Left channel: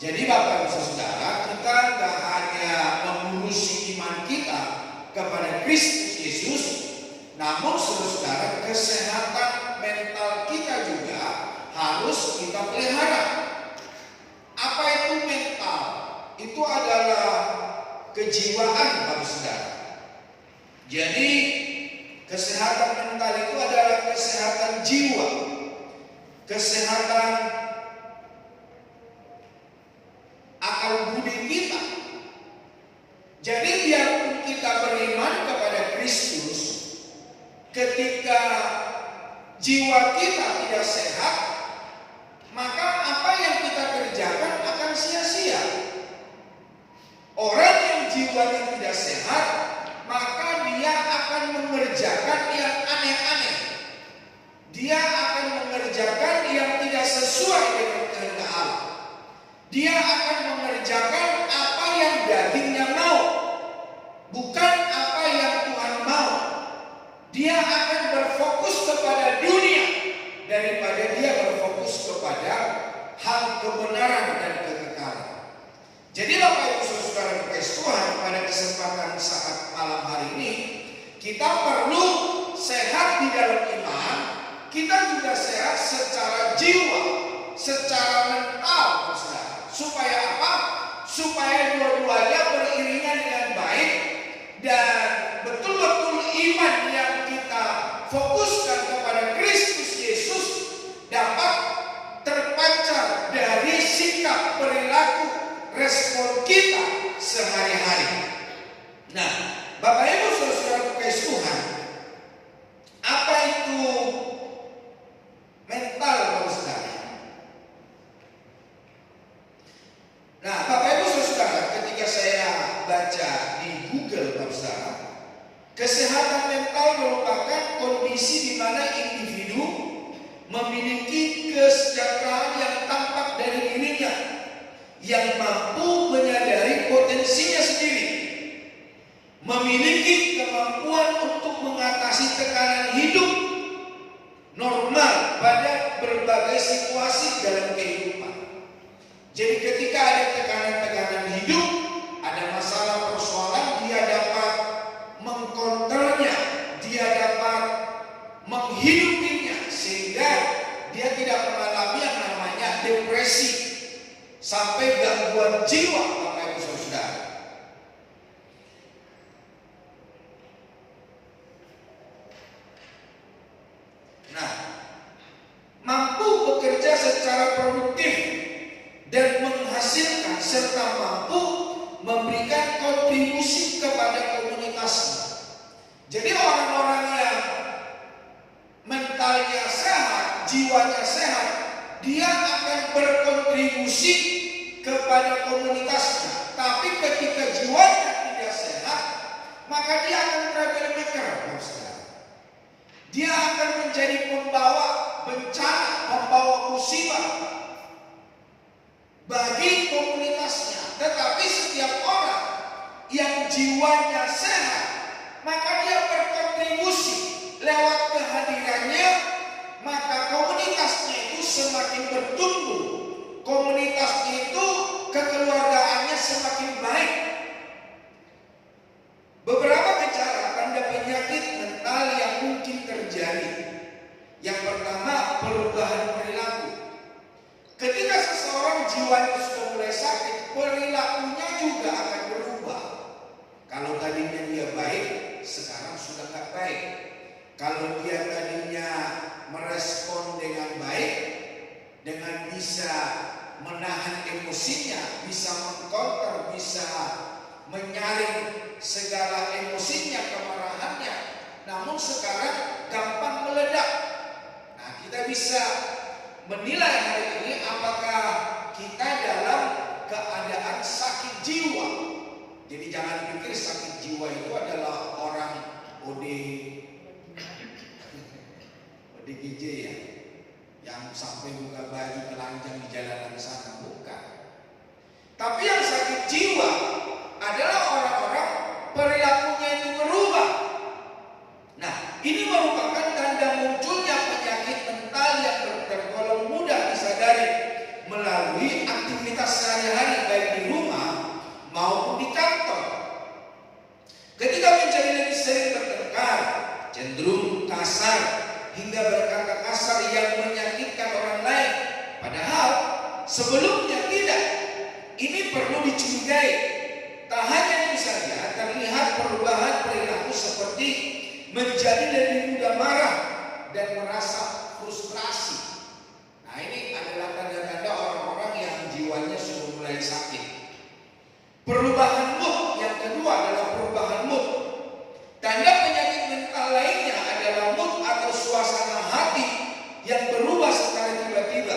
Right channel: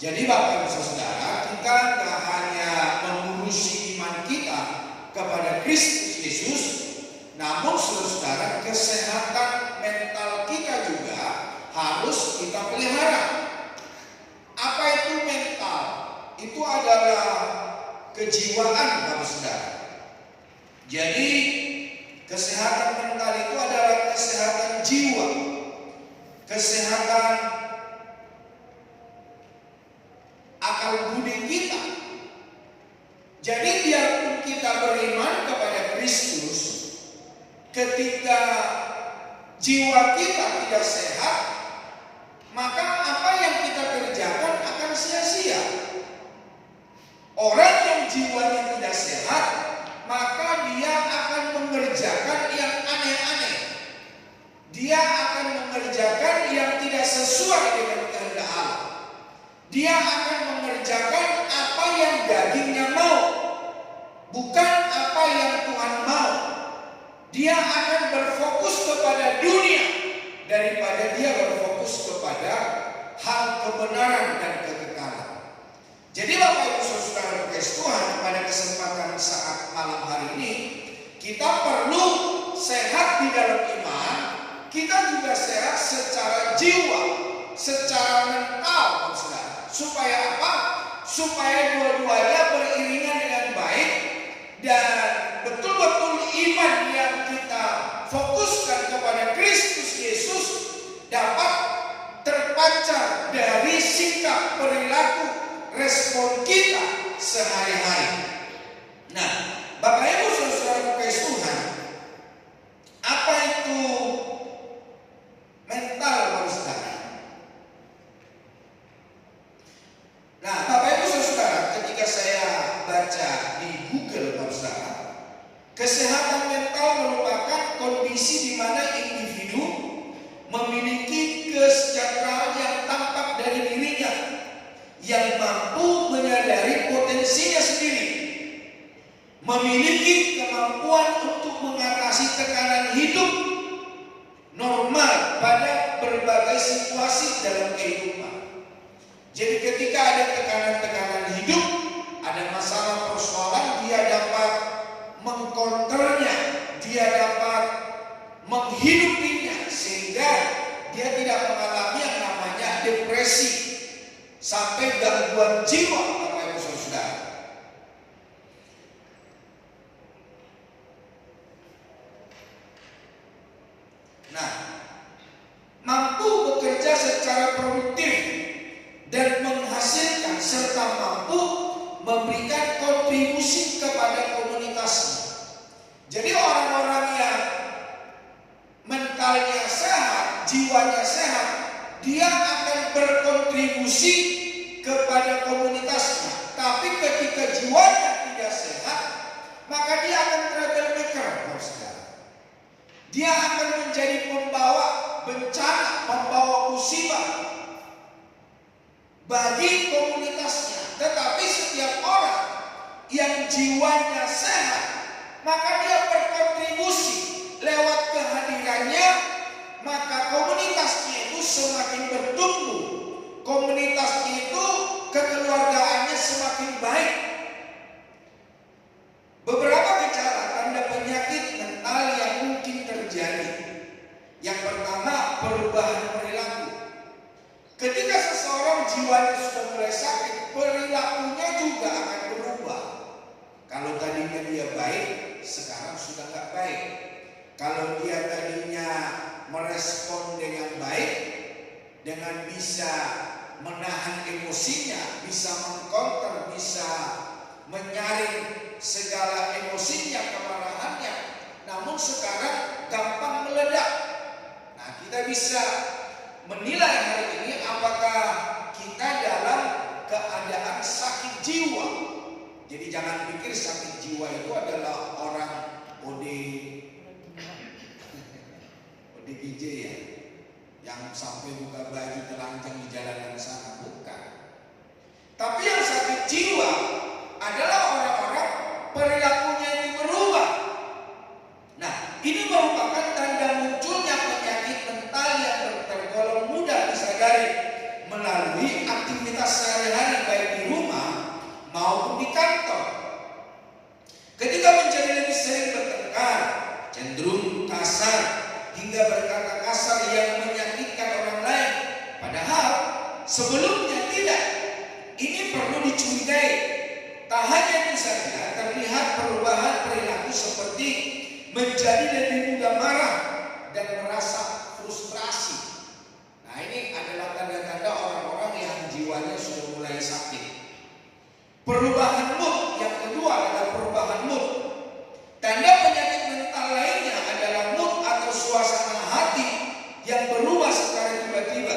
Jadi Bapak Ibu Saudara, kita gak hanya mengurusi iman kita kepada Kristus Yesus, namun saudara-saudara, kesehatan mental kita juga harus kita pelihara. Apa itu mental? Itu adalah kejiwaan Bapak Saudara. Jadi kesehatan mental itu adalah kesehatan jiwa, kesehatan akal budi kita. Jadi biarpun kita beriman kepada Kristus, ketika jiwa kita tidak sehat, maka apa yang kita kerjakan akan sia-sia. Orang yang jiwanya tidak sehat, maka dia akan mengerjakan yang aneh-aneh. Dia akan mengerjakan yang tidak sesuai dengan kehendak Allah. Dia akan mengerjakan apa yang dagingnya mau, bukan apa yang Tuhan mau. Dia akan berfokus kepada dunia daripada dia berfokus kepada hal kebenaran dan kekekalan. Jadi Bapak Ibu Saudara berkasih Tuhan, pada kesempatan saat malam hari ini kita perlu sehat di dalam iman, kita juga sehat secara jiwa, secara mental, saudara. Supaya apa? Supaya dua-duanya beriringan dengan baik dan betul-betul iman yang kita fokuskan kepada Kristus Yesus dapat terpancar dari sikap, perilaku, respon kita sehari-hari. Nah, Bapak Ibu Saudara kasih Tuhan, apa itu mental, saudara? Nah, Bapak Ibu Saudara, ketika saya baca di Google, saudara, kesehatan mental merupakan kondisi di mana individu memiliki kesejahteraan yang tampak dari dirinya, yang mampu menyadari potensinya sendiri, memiliki kemampuan untuk mengatasi tekanan hidup normal pada berbagai situasi dalam kehidupan. Jadi ketika ada tekanan-tekanan hidup, ada masalah persoalan, dia dapat mengkonternya, dia dapat menghidupinya, sehingga dia tidak mengalami yang namanya depresi sampai gangguan jiwa, Bapak Ibu Saudara. Nah, mampu bekerja secara produktif dan menghasilkan serta mampu memberikan kontribusi kepada komunitasnya. Jadi orang-orang yang mentalnya sehat, jiwanya sehat, dia akan berkontribusi kepada komunitasnya. Tapi ketika jiwanya tidak sehat, maka dia akan troublemaker, saudara. Dia akan menjadi pembawa bencana, pembawa musibah bagi komunitasnya. Tetapi setiap orang yang jiwanya sehat, maka dia berkontribusi lewat kehadirannya, maka komunitasnya itu semakin bertumbuh, komunitasnya itu kekeluargaannya semakin baik. Beberapa gejala tanda penyakit mental yang mungkin terjadi. Yang pertama, perubahan perilaku. Ketika seseorang jiwanya sudah mulai sakit, perilakunya juga akan berubah. Kalau tadinya dia baik, sekarang sudah nggak baik. Kalau dia tadinya merespon dengan baik, dengan bisa menahan emosinya, bisa mengkonter, bisa menyaring segala emosinya, kemarahannya, namun sekarang gampang meledak. Nah, kita bisa menilai hari ini apakah kita dalam keadaan sakit jiwa. Jadi jangan pikir sakit jiwa itu adalah orang ODGJ ya, yang sampai buka baju telanjang di jalanan sana, bukan. Tapi yang sakit jiwa adalah orang-orang perilakunya itu berubah. Nah, ini merupakan tanda munculnya penyakit mental yang tergolong mudah disadari melalui aktivitas sehari-hari. cenderung kasar, hingga berkata kasar yang menyakitkan orang lain. Padahal sebelumnya tidak. Ini perlu dicurigai. Tak hanya itu saja, terlihat perubahan perilaku seperti menjadi lebih mudah marah dan merasa frustrasi. Nah, ini adalah tanda-tanda orang-orang yang jiwanya sudah mulai sakit. Perubahan mood yang kedua adalah perubahan mood. Tanda penyakit mental lainnya adalah mood atau suasana hati yang berubah secara tiba-tiba.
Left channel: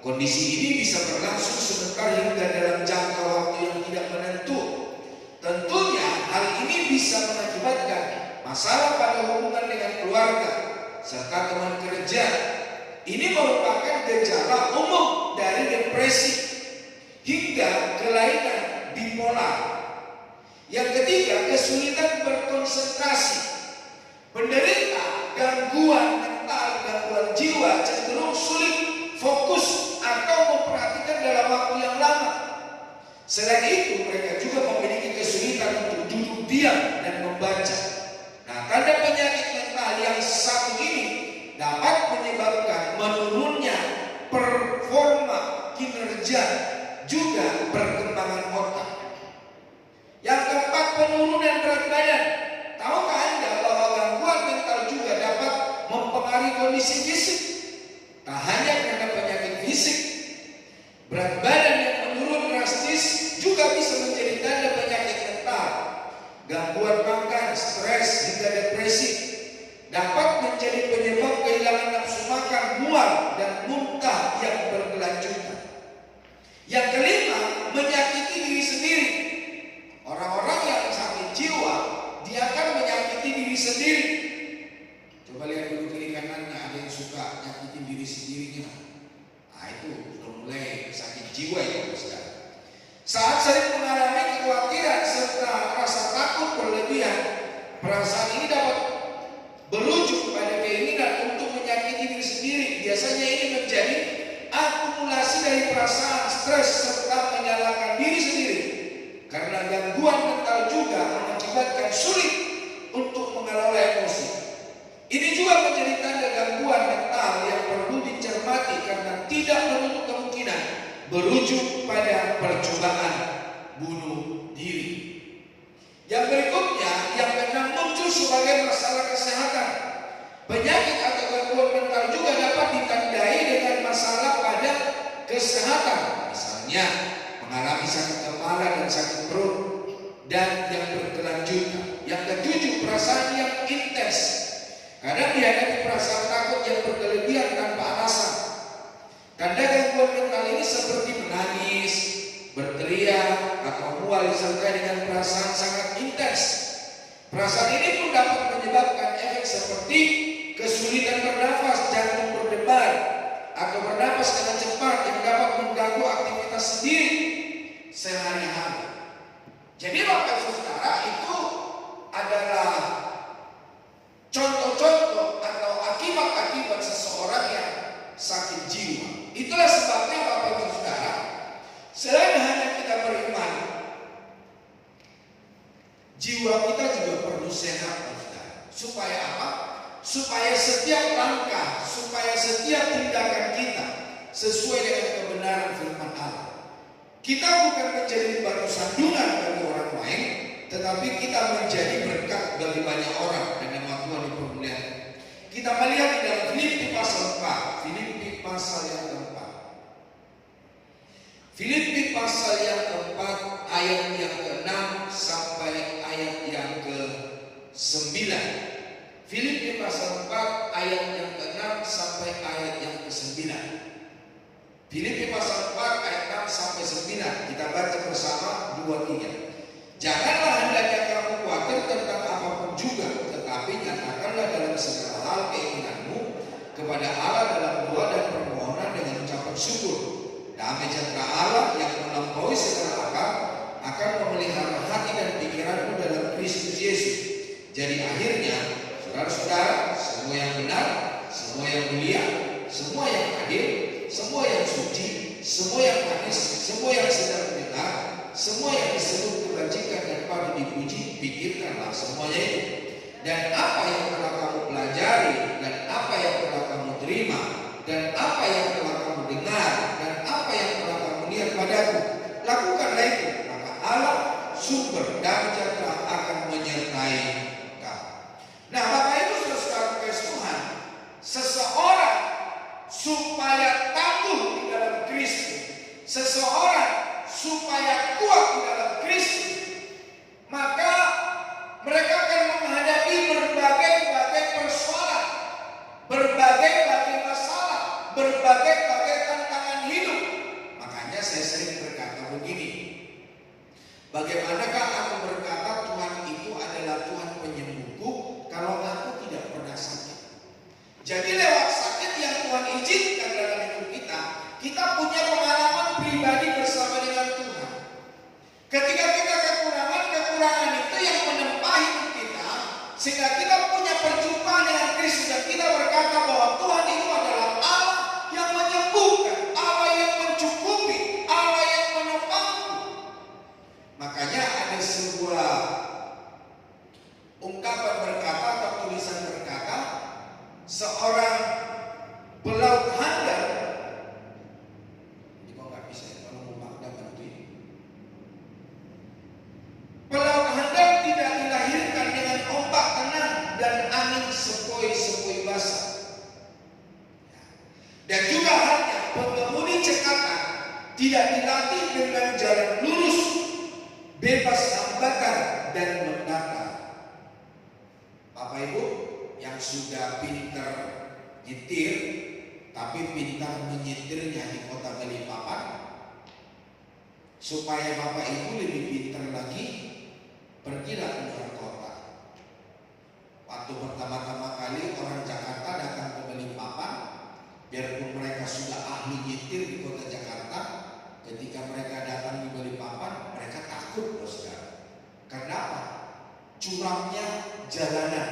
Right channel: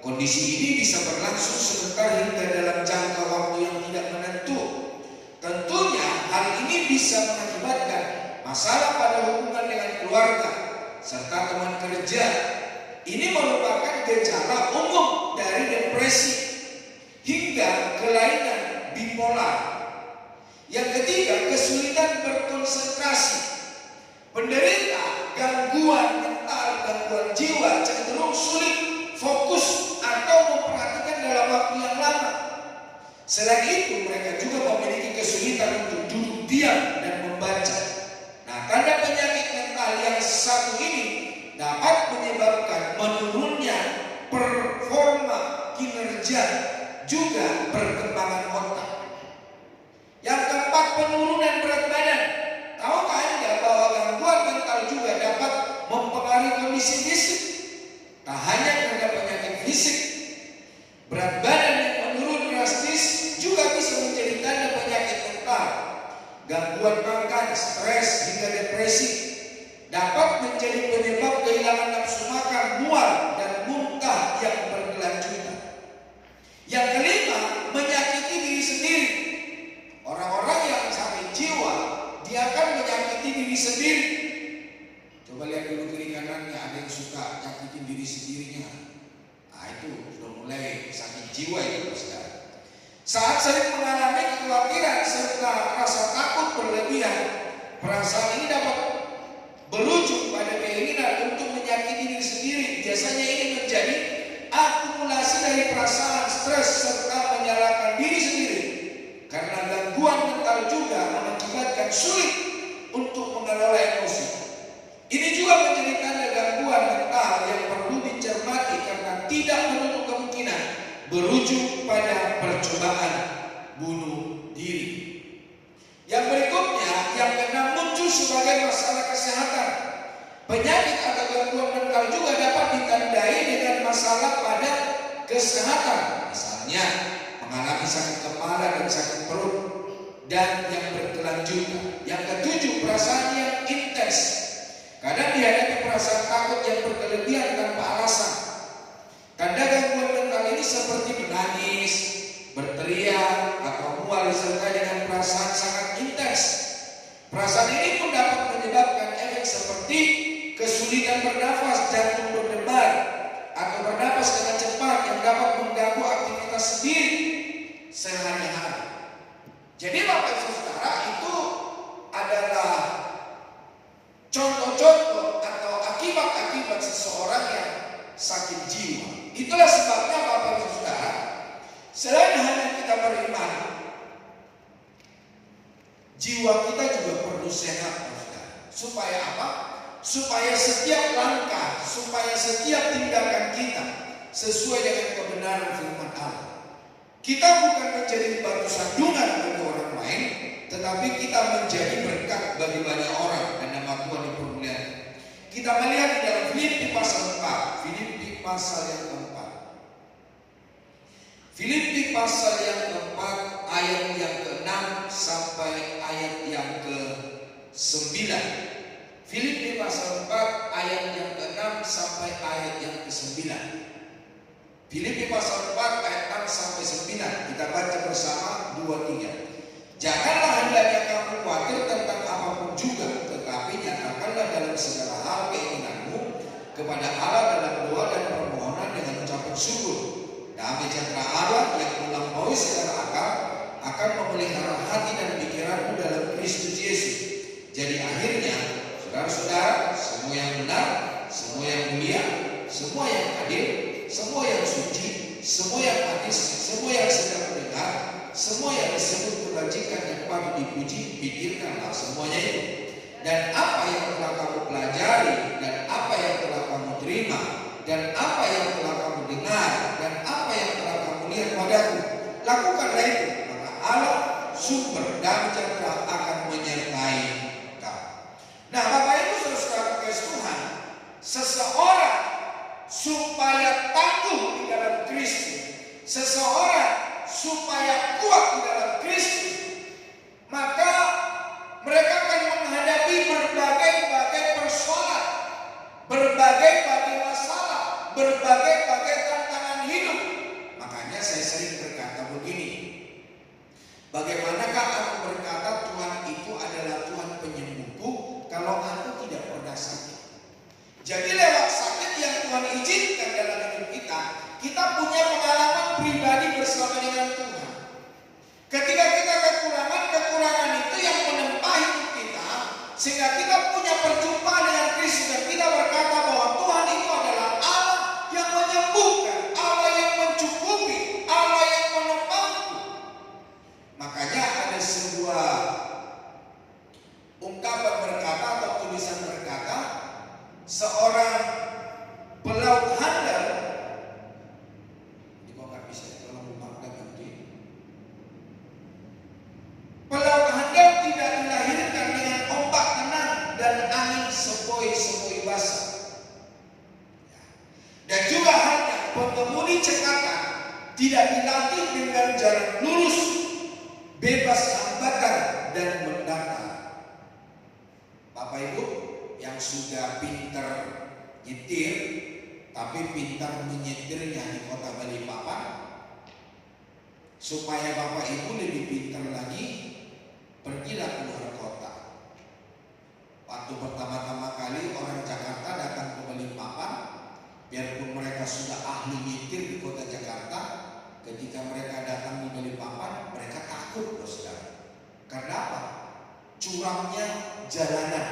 Kondisi ini bisa berlangsung sebentar hingga dalam jangka waktu yang tidak menentu. Tentunya hal ini bisa mengakibatkan masalah pada hubungan dengan keluarga serta teman kerja. Ini merupakan gejala umum dari depresi hingga kelainan bipolar. Yang ketiga, kesulitan berkonsentrasi. Penderita gangguan mental, gangguan jiwa cenderung sulit fokus atau memperhatikan dalam waktu yang lama. Selain itu, mereka juga memiliki kesulitan untuk duduk diam dan membaca. Nah, tanda penyakit mental yang satu ini dapat menyebabkan menurunnya performa kinerja, juga perkembangan otak. Yang keempat, penurunan berat badan. Tahukah Anda bahwa gangguan mental juga dapat mempengaruhi kondisi fisik? Tak hanya karena penyakit fisik, berat badan yang menurun drastis juga bisa menjadi tanda penyakit mental. Gangguan makan, stres, hingga depresi dapat menjadi penyebab kehilangan nafsu makan, mual, dan muntah yang berkelanjutan. Yang kelima, menyakiti diri sendiri. Orang-orang yang sakit jiwa, dia akan menyakiti diri sendiri. Coba lihat dulu kiri kanannya, ada yang suka nyakitin diri sendirinya. Nah, itu sudah mulai sakit jiwa itu, saudara. Saat sering mengalami kekhawatiran serta rasa takut berlebihan, perasaan ini dapat berujung pada keinginan untuk menyakiti diri sendiri. Biasanya ini menjadi akumulasi dari perasaan stres serta menyalahkan diri sendiri. Karena gangguan mental juga mengakibatkan sulit untuk mengelola emosi. Ini juga menjadi tanda gangguan mental yang perlu dicermati karena tidak menutup kemungkinan berujung pada percobaan bunuh diri. Yang berikutnya, yang keenam, muncul sebagai masalah kesehatan. Penyakit atau gangguan mental juga dapat ditandai dengan masalah pada kesehatan. Misalnya, mengalami sakit kepala dan sakit perut dan yang berkelanjutan. Yang ketujuh, perasaan yang intens. Kadang dihadapi perasaan takut yang berkelebihan tanpa alasan. Tanda gangguan mental ini seperti menangis, berteriak, atau mual disertai dengan perasaan sangat intens. Perasaan ini pun dapat menyebabkan efek seperti kesulitan bernafas, jantung berdebar, atau bernafas dengan cepat yang dapat mengganggu aktivitas sendiri sehari-hari. Jadi Bapak Ibu Saudara, itu adalah contoh-contoh atau akibat-akibat seseorang yang sakit jiwa. Itulah sebabnya Bapak Ibu Saudara, selain hanya kita beriman, jiwa kita juga perlu sehat, saudara. Supaya apa? Supaya setiap langkah, supaya setiap tindakan kita sesuai dengan kebenaran firman Allah. Kita bukan menjadi batu sandungan bagi orang lain, tetapi kita menjadi berkat bagi banyak orang dan nama Tuhan dipermuliakan. Kita melihat di dalam Filipi pasal 4, Filipi pasal yang keempat. Filipi pasal yang keempat ayat yang ke-6 sampai ayat yang ke-9. Filipi pasal 4 ayat yang ke-6 sampai ayat yang ke-9. Filipi pasal 4 ayat 6 sampai 9. Kita baca bersama 2-3. Janganlah hendaknya kamu khawatir tentang apapun juga, tetapi nyatakanlah dalam segala hal keinginanmu kepada Allah dalam doa dan permohonan dengan ucapan syukur. Damai sejahtera Allah yang melampaui segala akal akan memelihara hati dan pikiranmu dalam Kristus Yesus. Jadi akhirnya, saudara-saudara, semua yang benar, semua yang mulia, semua yang adil, semua yang suci, semua yang manis, semua yang sedang benar, semua yang disebut kebajikan yang patut dipuji, pikirkanlah semuanya itu. dan apa yang telah kamu pelajari, dan apa yang telah kamu terima, dan apa yang telah kamu dengar, dan apa yang telah kamu lihat padaku. Lakukanlah itu, maka Allah sumber damai sejahtera akan menyertai kamu. Nah, Bapak Ibu Saudara kasih Tuhan, seseorang supaya tangguh di dalam Kristus, seseorang supaya kuat di dalam Kristus, maka mereka akan menghadapi berbagai persoalan, berbagai masalah, berbagai tantangan hidup. Makanya saya sering berkata begini, bagaimanakah aku berkata Tuhan itu adalah Tuhan penyembuhku kalau aku tidak pernah sakit? Jadi lewat sakit yang Tuhan izinkan dalam hidup kita, kita punya pengalaman pribadi bersama dengan Tuhan. Ketika kita kekurangan itu yang menempa hidup kita, sehingga kita punya perjumpaan dengan Kristus dan kita berkata bahwa Tuhan itu adalah Allah yang menyembuhkan, Allah yang mencukupi, Allah yang menopangku. Makanya ada sebuah ungkapan berkata atau tulisan berkata, seorang pelaut handal, ini kok nggak bisa ya, kalau memaknai nanti. Pelaut handal tidak dilahirkan dengan ombak tenang dan angin sepoi-sepoi basah. Dan juga halnya pengemudi cekatan tidak dilatih dengan jalan lurus, bebas hambatan dan mendatar. Bapak Ibu yang sudah pintar nyetir, tapi pintar menyetirnya di kota Balikpapan, supaya Bapak Ibu lebih pintar lagi, pergilah keluar kota. Waktu pertama-tama kali orang Jakarta datang ke Balikpapan, biarpun mereka sudah ahli nyetir di kota Jakarta, ketika mereka datang di Balikpapan, mereka takut, saudara. Karena apa? Curamnya jalanan.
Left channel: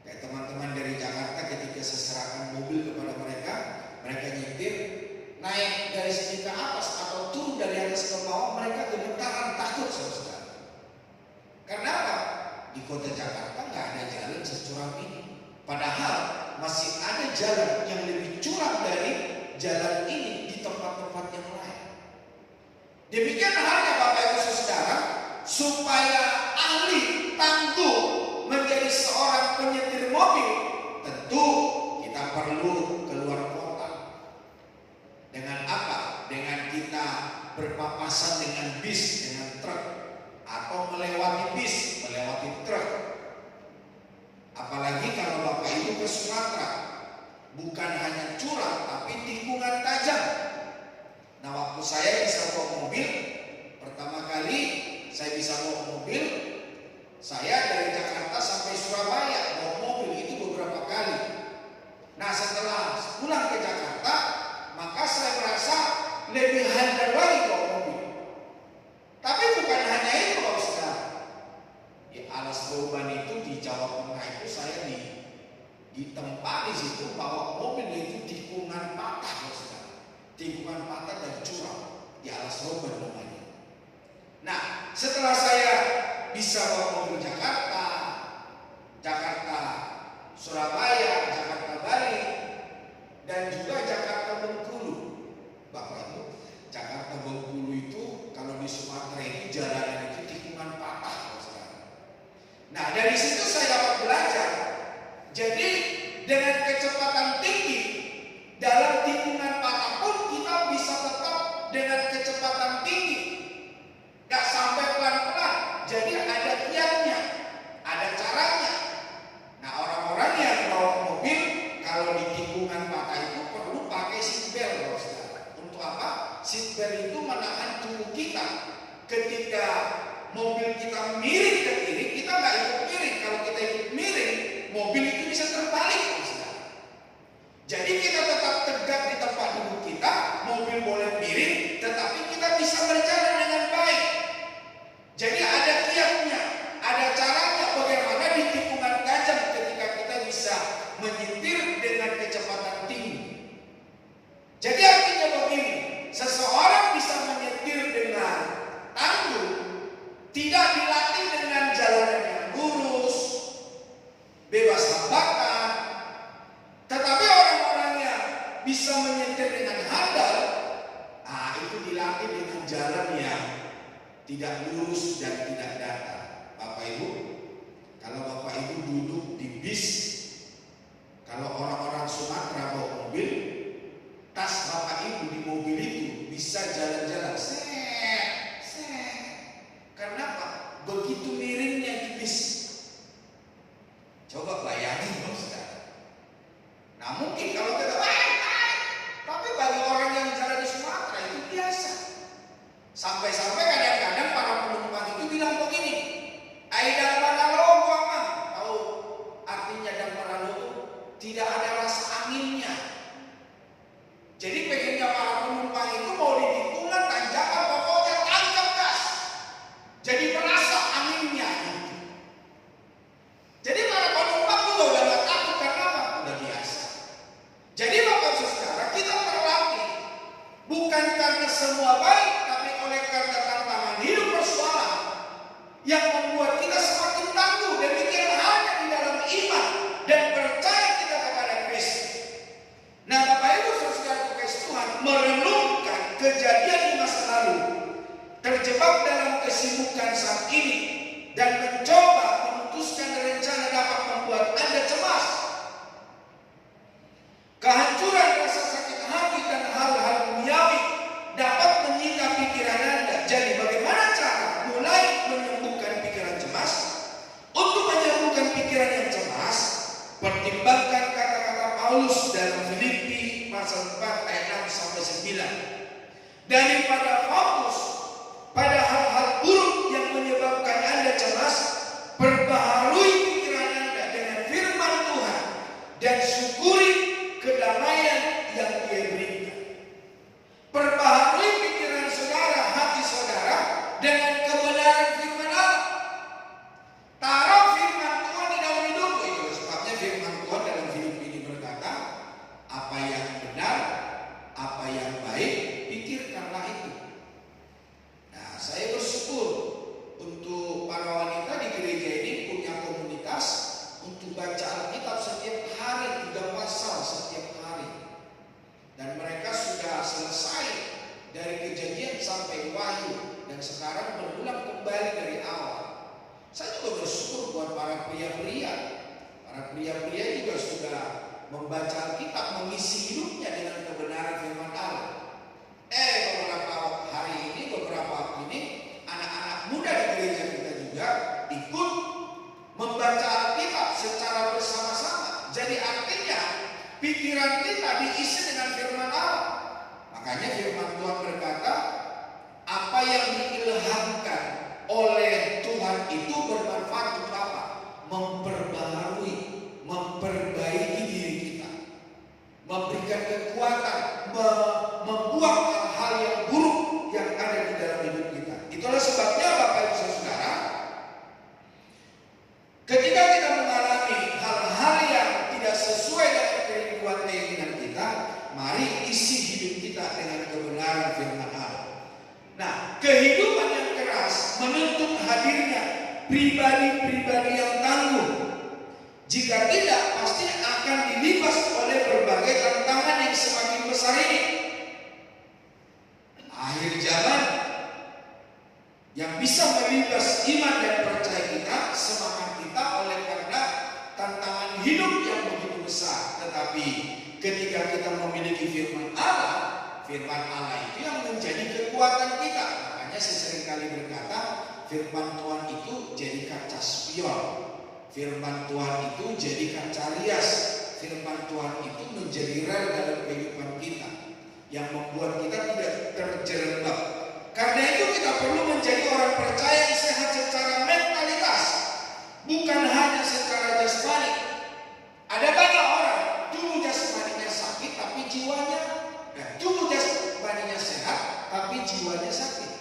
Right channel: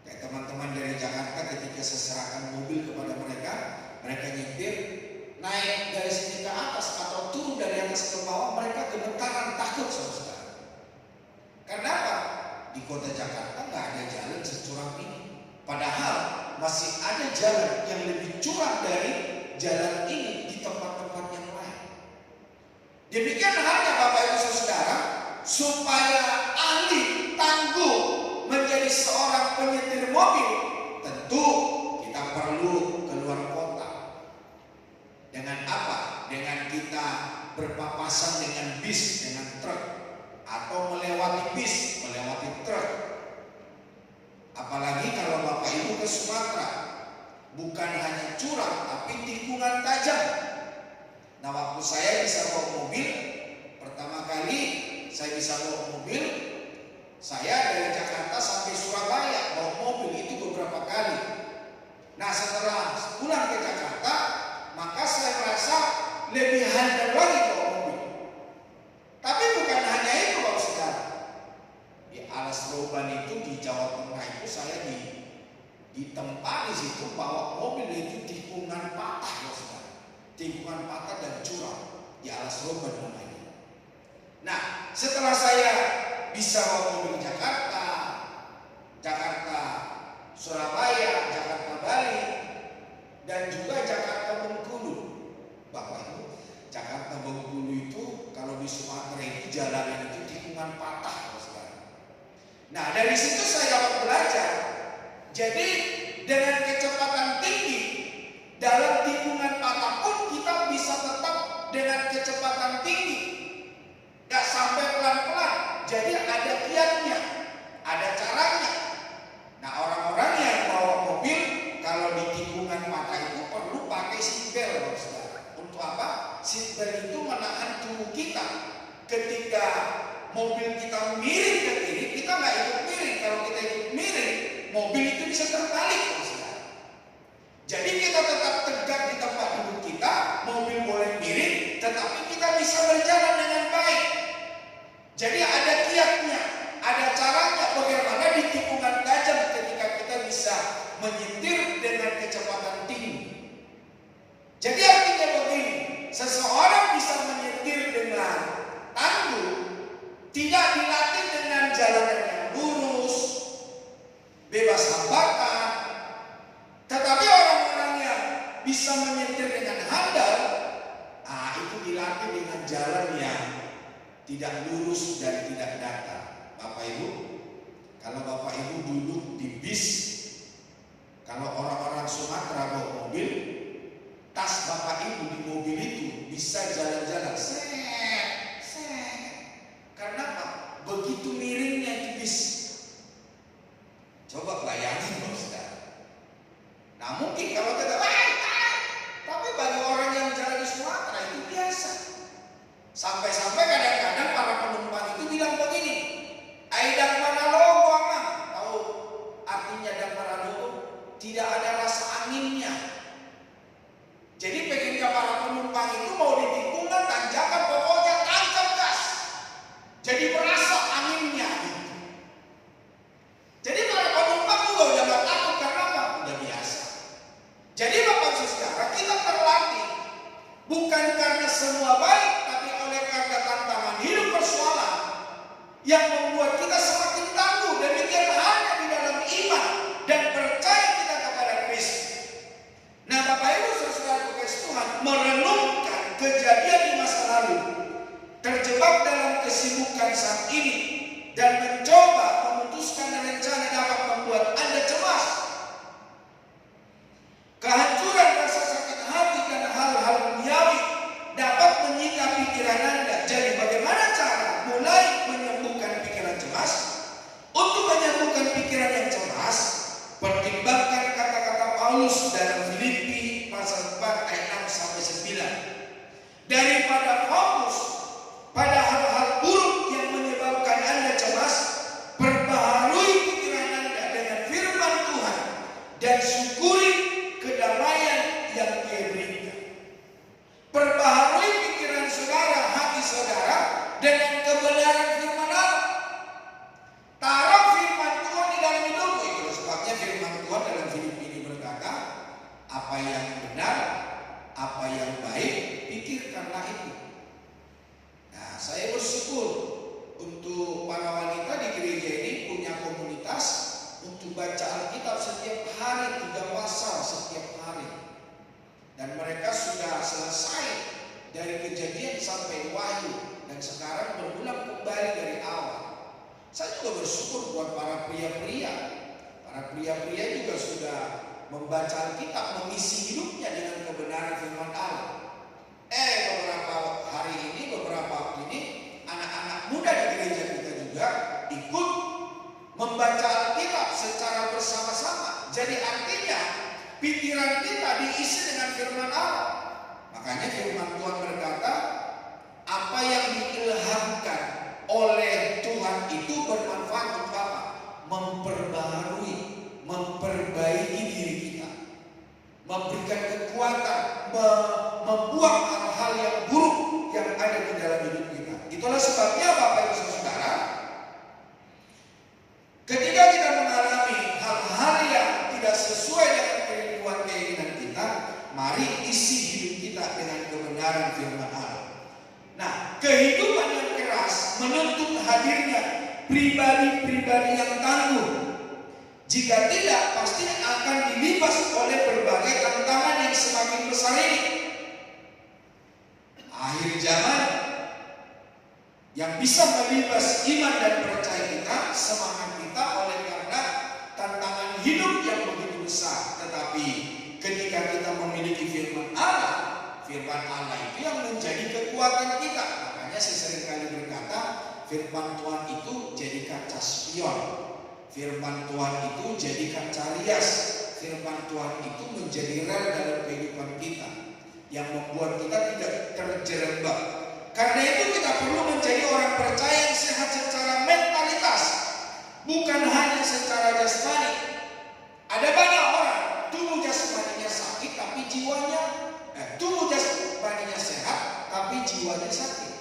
Kayak teman-teman dari Jakarta, ketika saya serahkan mobil kepada mereka, mereka nyetir, naik dari sini ke atas atau turun dari atas ke bawah, mereka gemetaran takut, saudara. Karena apa? Di kota Jakarta nggak ada jalan securam ini. Padahal masih ada jalan yang lebih curam dari jalan ini di tempat-tempat yang lain. Demikian halnya Bapak Ibu Saudara, supaya ahli tangguh menjadi seorang penyetir mobil, tentu kita perlu keluar kota. Dengan apa? Dengan kita berpapasan dengan bis, dengan truk, atau melewati bis, melewati truk. Apalagi kalau Bapak Ibu ke Sumatera, bukan hanya curam tapi tikungan tajam. Nah, waktu saya bisa bawa mobil, pertama kali saya bisa bawa mobil, saya dari Jakarta sampai Surabaya bawa mobil itu beberapa kali. Nah, setelah pulang ke Jakarta, maka saya merasa lebih handal lagi bawa mobil. Tapi bukan hanya itu, Bapak Saudara. Di Alas Roban itu di Jawa Tengah itu saya ditempa di situ bawa mobil itu tikungan patah, Bapak Saudara. Tikungan patah dan curam di Alas Roban namanya. Nah, setelah saya bisa bawa mobil Jakarta, Surabaya, Jakarta Bali, dan juga Jakarta Bengkulu. Bapak Ibu, Jakarta Bengkulu itu kalau di Sumatera itu jalanan itu tikungan patah, saudara. Nah, dari situ saya dapat belajar. Jadi dengan kecepatan tinggi dalam tikungan patah pun kita bisa tetap dengan kecepatan tinggi, gak sampai pelan-pelan. Jadi ada kiatnya, ada caranya. Nah, orang-orang yang bawa mobil kalau di tikungan patah itu perlu pakai seatbelt, saudara. Untuk apa? Seatbelt itu menahan tubuh kita. Ketika mobil kita miring ke kiri, kita nggak ikut miring. Kalau kita ikut miring, mobil itu bisa terbalik, saudara. Jadi kita tetap tegak di tempat duduk kita, mobil boleh miring, tetapi kita bisa berjalan dengan baik. Jadi ada kiatnya, ada caranya bagaimana di tikungan tajam ketika kita bisa menyetir dengan kecepatan tinggi. Jadi artinya begini, seseorang bisa menyetir dengan tangguh, tidak dilatih dengan jalanan yang lurus, tidak lurus dan tidak datar. Bapak Ibu, kalau Bapak Ibu duduk di bis, kalau orang-orang Sumatera bawa mobil, tas Bapak Ibu di mobil itu bisa jalan-jalan set. Karena apa? Begitu miringnya di bis. Coba bayangin Bapak Saudara. Nah mungkin kalau kita tapi bagi orang yang jalan di Sumatera itu biasa. Sampai-sampai kadang-kadang para penumpang itu bilang begini, "Aidang Manalogo Amang." Tahu artinya dang Manalogo? Tidak ada rasa anginnya. Jadi pengennya para penumpang itu mau di tikungan tanjakan pokoknya tancap gas. Jadi berasa anginnya gitu. Jadi para penumpang juga udah gak takut karena apa? Udah biasa. Jadi Bapak Saudara, kita terlatih bukan karena semua baik, tapi oleh karena tantangan hidup persoalan yang membuat kita semakin tangguh. Demikian hanya di dalam iman dan percaya kita kepada Kristus. Nah Bapak Ibu Saudara kasih Tuhan, merenungkan kejadian di masa lalu, terjebak dalam kesibukan saat ini, dan mencoba memutuskan rencana dapat membuat Anda cemas. Kehancuran rasa sakit hati dan hal-hal duniawi dapat menyita pikiran Anda. Jadi bagaimana cara mulai menyembuhkan pikiran cemas? Untuk menyembuhkan pikiran yang cemas, pertimbangkan kata-kata Paulus dalam Filipi pasal 4 ayat 6 sampai 9. Daripada fokus pada hal-hal buruk yang menyebabkan Anda cemas, perbaharui pikiran Anda dengan firman Tuhan dan syukuri kedamaian yang Dia berikan. Perbaharui pikiran saudara, hati saudara dengan kebenaran firman Allah. Taruh firman Tuhan di dalam hidupmu. Itu sebabnya firman Tuhan dalam Filipi ini berkata, apa yang benar, apa yang baik, pikirkanlah itu. Nah, saya bersyukur untuk para wanita di gereja ini punya komunitas untuk baca Alkitab setiap hari, 3 pasal setiap hari. Dan mereka sudah selesai dari Kejadian sampai Wahyu, dan sekarang berulang kembali dari awal. Saya juga bersyukur buat para pria-pria. Para pria-pria juga sudah membaca Alkitab, mengisi hidupnya dengan kebenaran firman Allah. Beberapa hari ini, beberapa waktu ini, anak-anak muda di gereja kita juga ikut membaca Alkitab secara bersama-sama. Jadi artinya pikiran kita diisi dengan firman Allah. Makanya firman Tuhan berkata, apa yang diilhamkan oleh Tuhan itu bermanfaat untuk apa? Memperbaharui, memperbaiki diri kita, memberikan kekuatan, membuang hal-hal yang buruk yang ada di dalam hidup kita. Itulah sebabnya Bapak Ibu Saudara, ketika kita mengalami hal-hal yang tidak sesuai dengan keinginan kita, mari isi hidup kita dengan kebenaran firman Allah. Nah, kehidupan yang keras menuntut hadirnya pribadi-pribadi yang tangguh. Jika tidak, pasti akan dilibas oleh berbagai tantangan yang semakin besar ini. Akhir zaman yang bisa melibas iman dan percaya kita, semangat kita oleh karena tantangan hidup yang begitu besar. Tetapi ketika kita memiliki firman Allah itu yang menjadi kekuatan kita. Makanya saya seringkali berkata, firman Tuhan itu jadi kaca spion, firman Tuhan itu jadi kaca rias, firman Tuhan itu menjadi rel dalam kehidupan kita yang membuat kita tidak terjerembab. Karena itu kita perlu menjadi orang percaya yang sehat secara mentalitas, bukan hanya secara jasmani. Ada banyak orang tubuh jasmaninya sakit tapi jiwanya tubuh jasmaninya sehat tapi jiwanya sakit.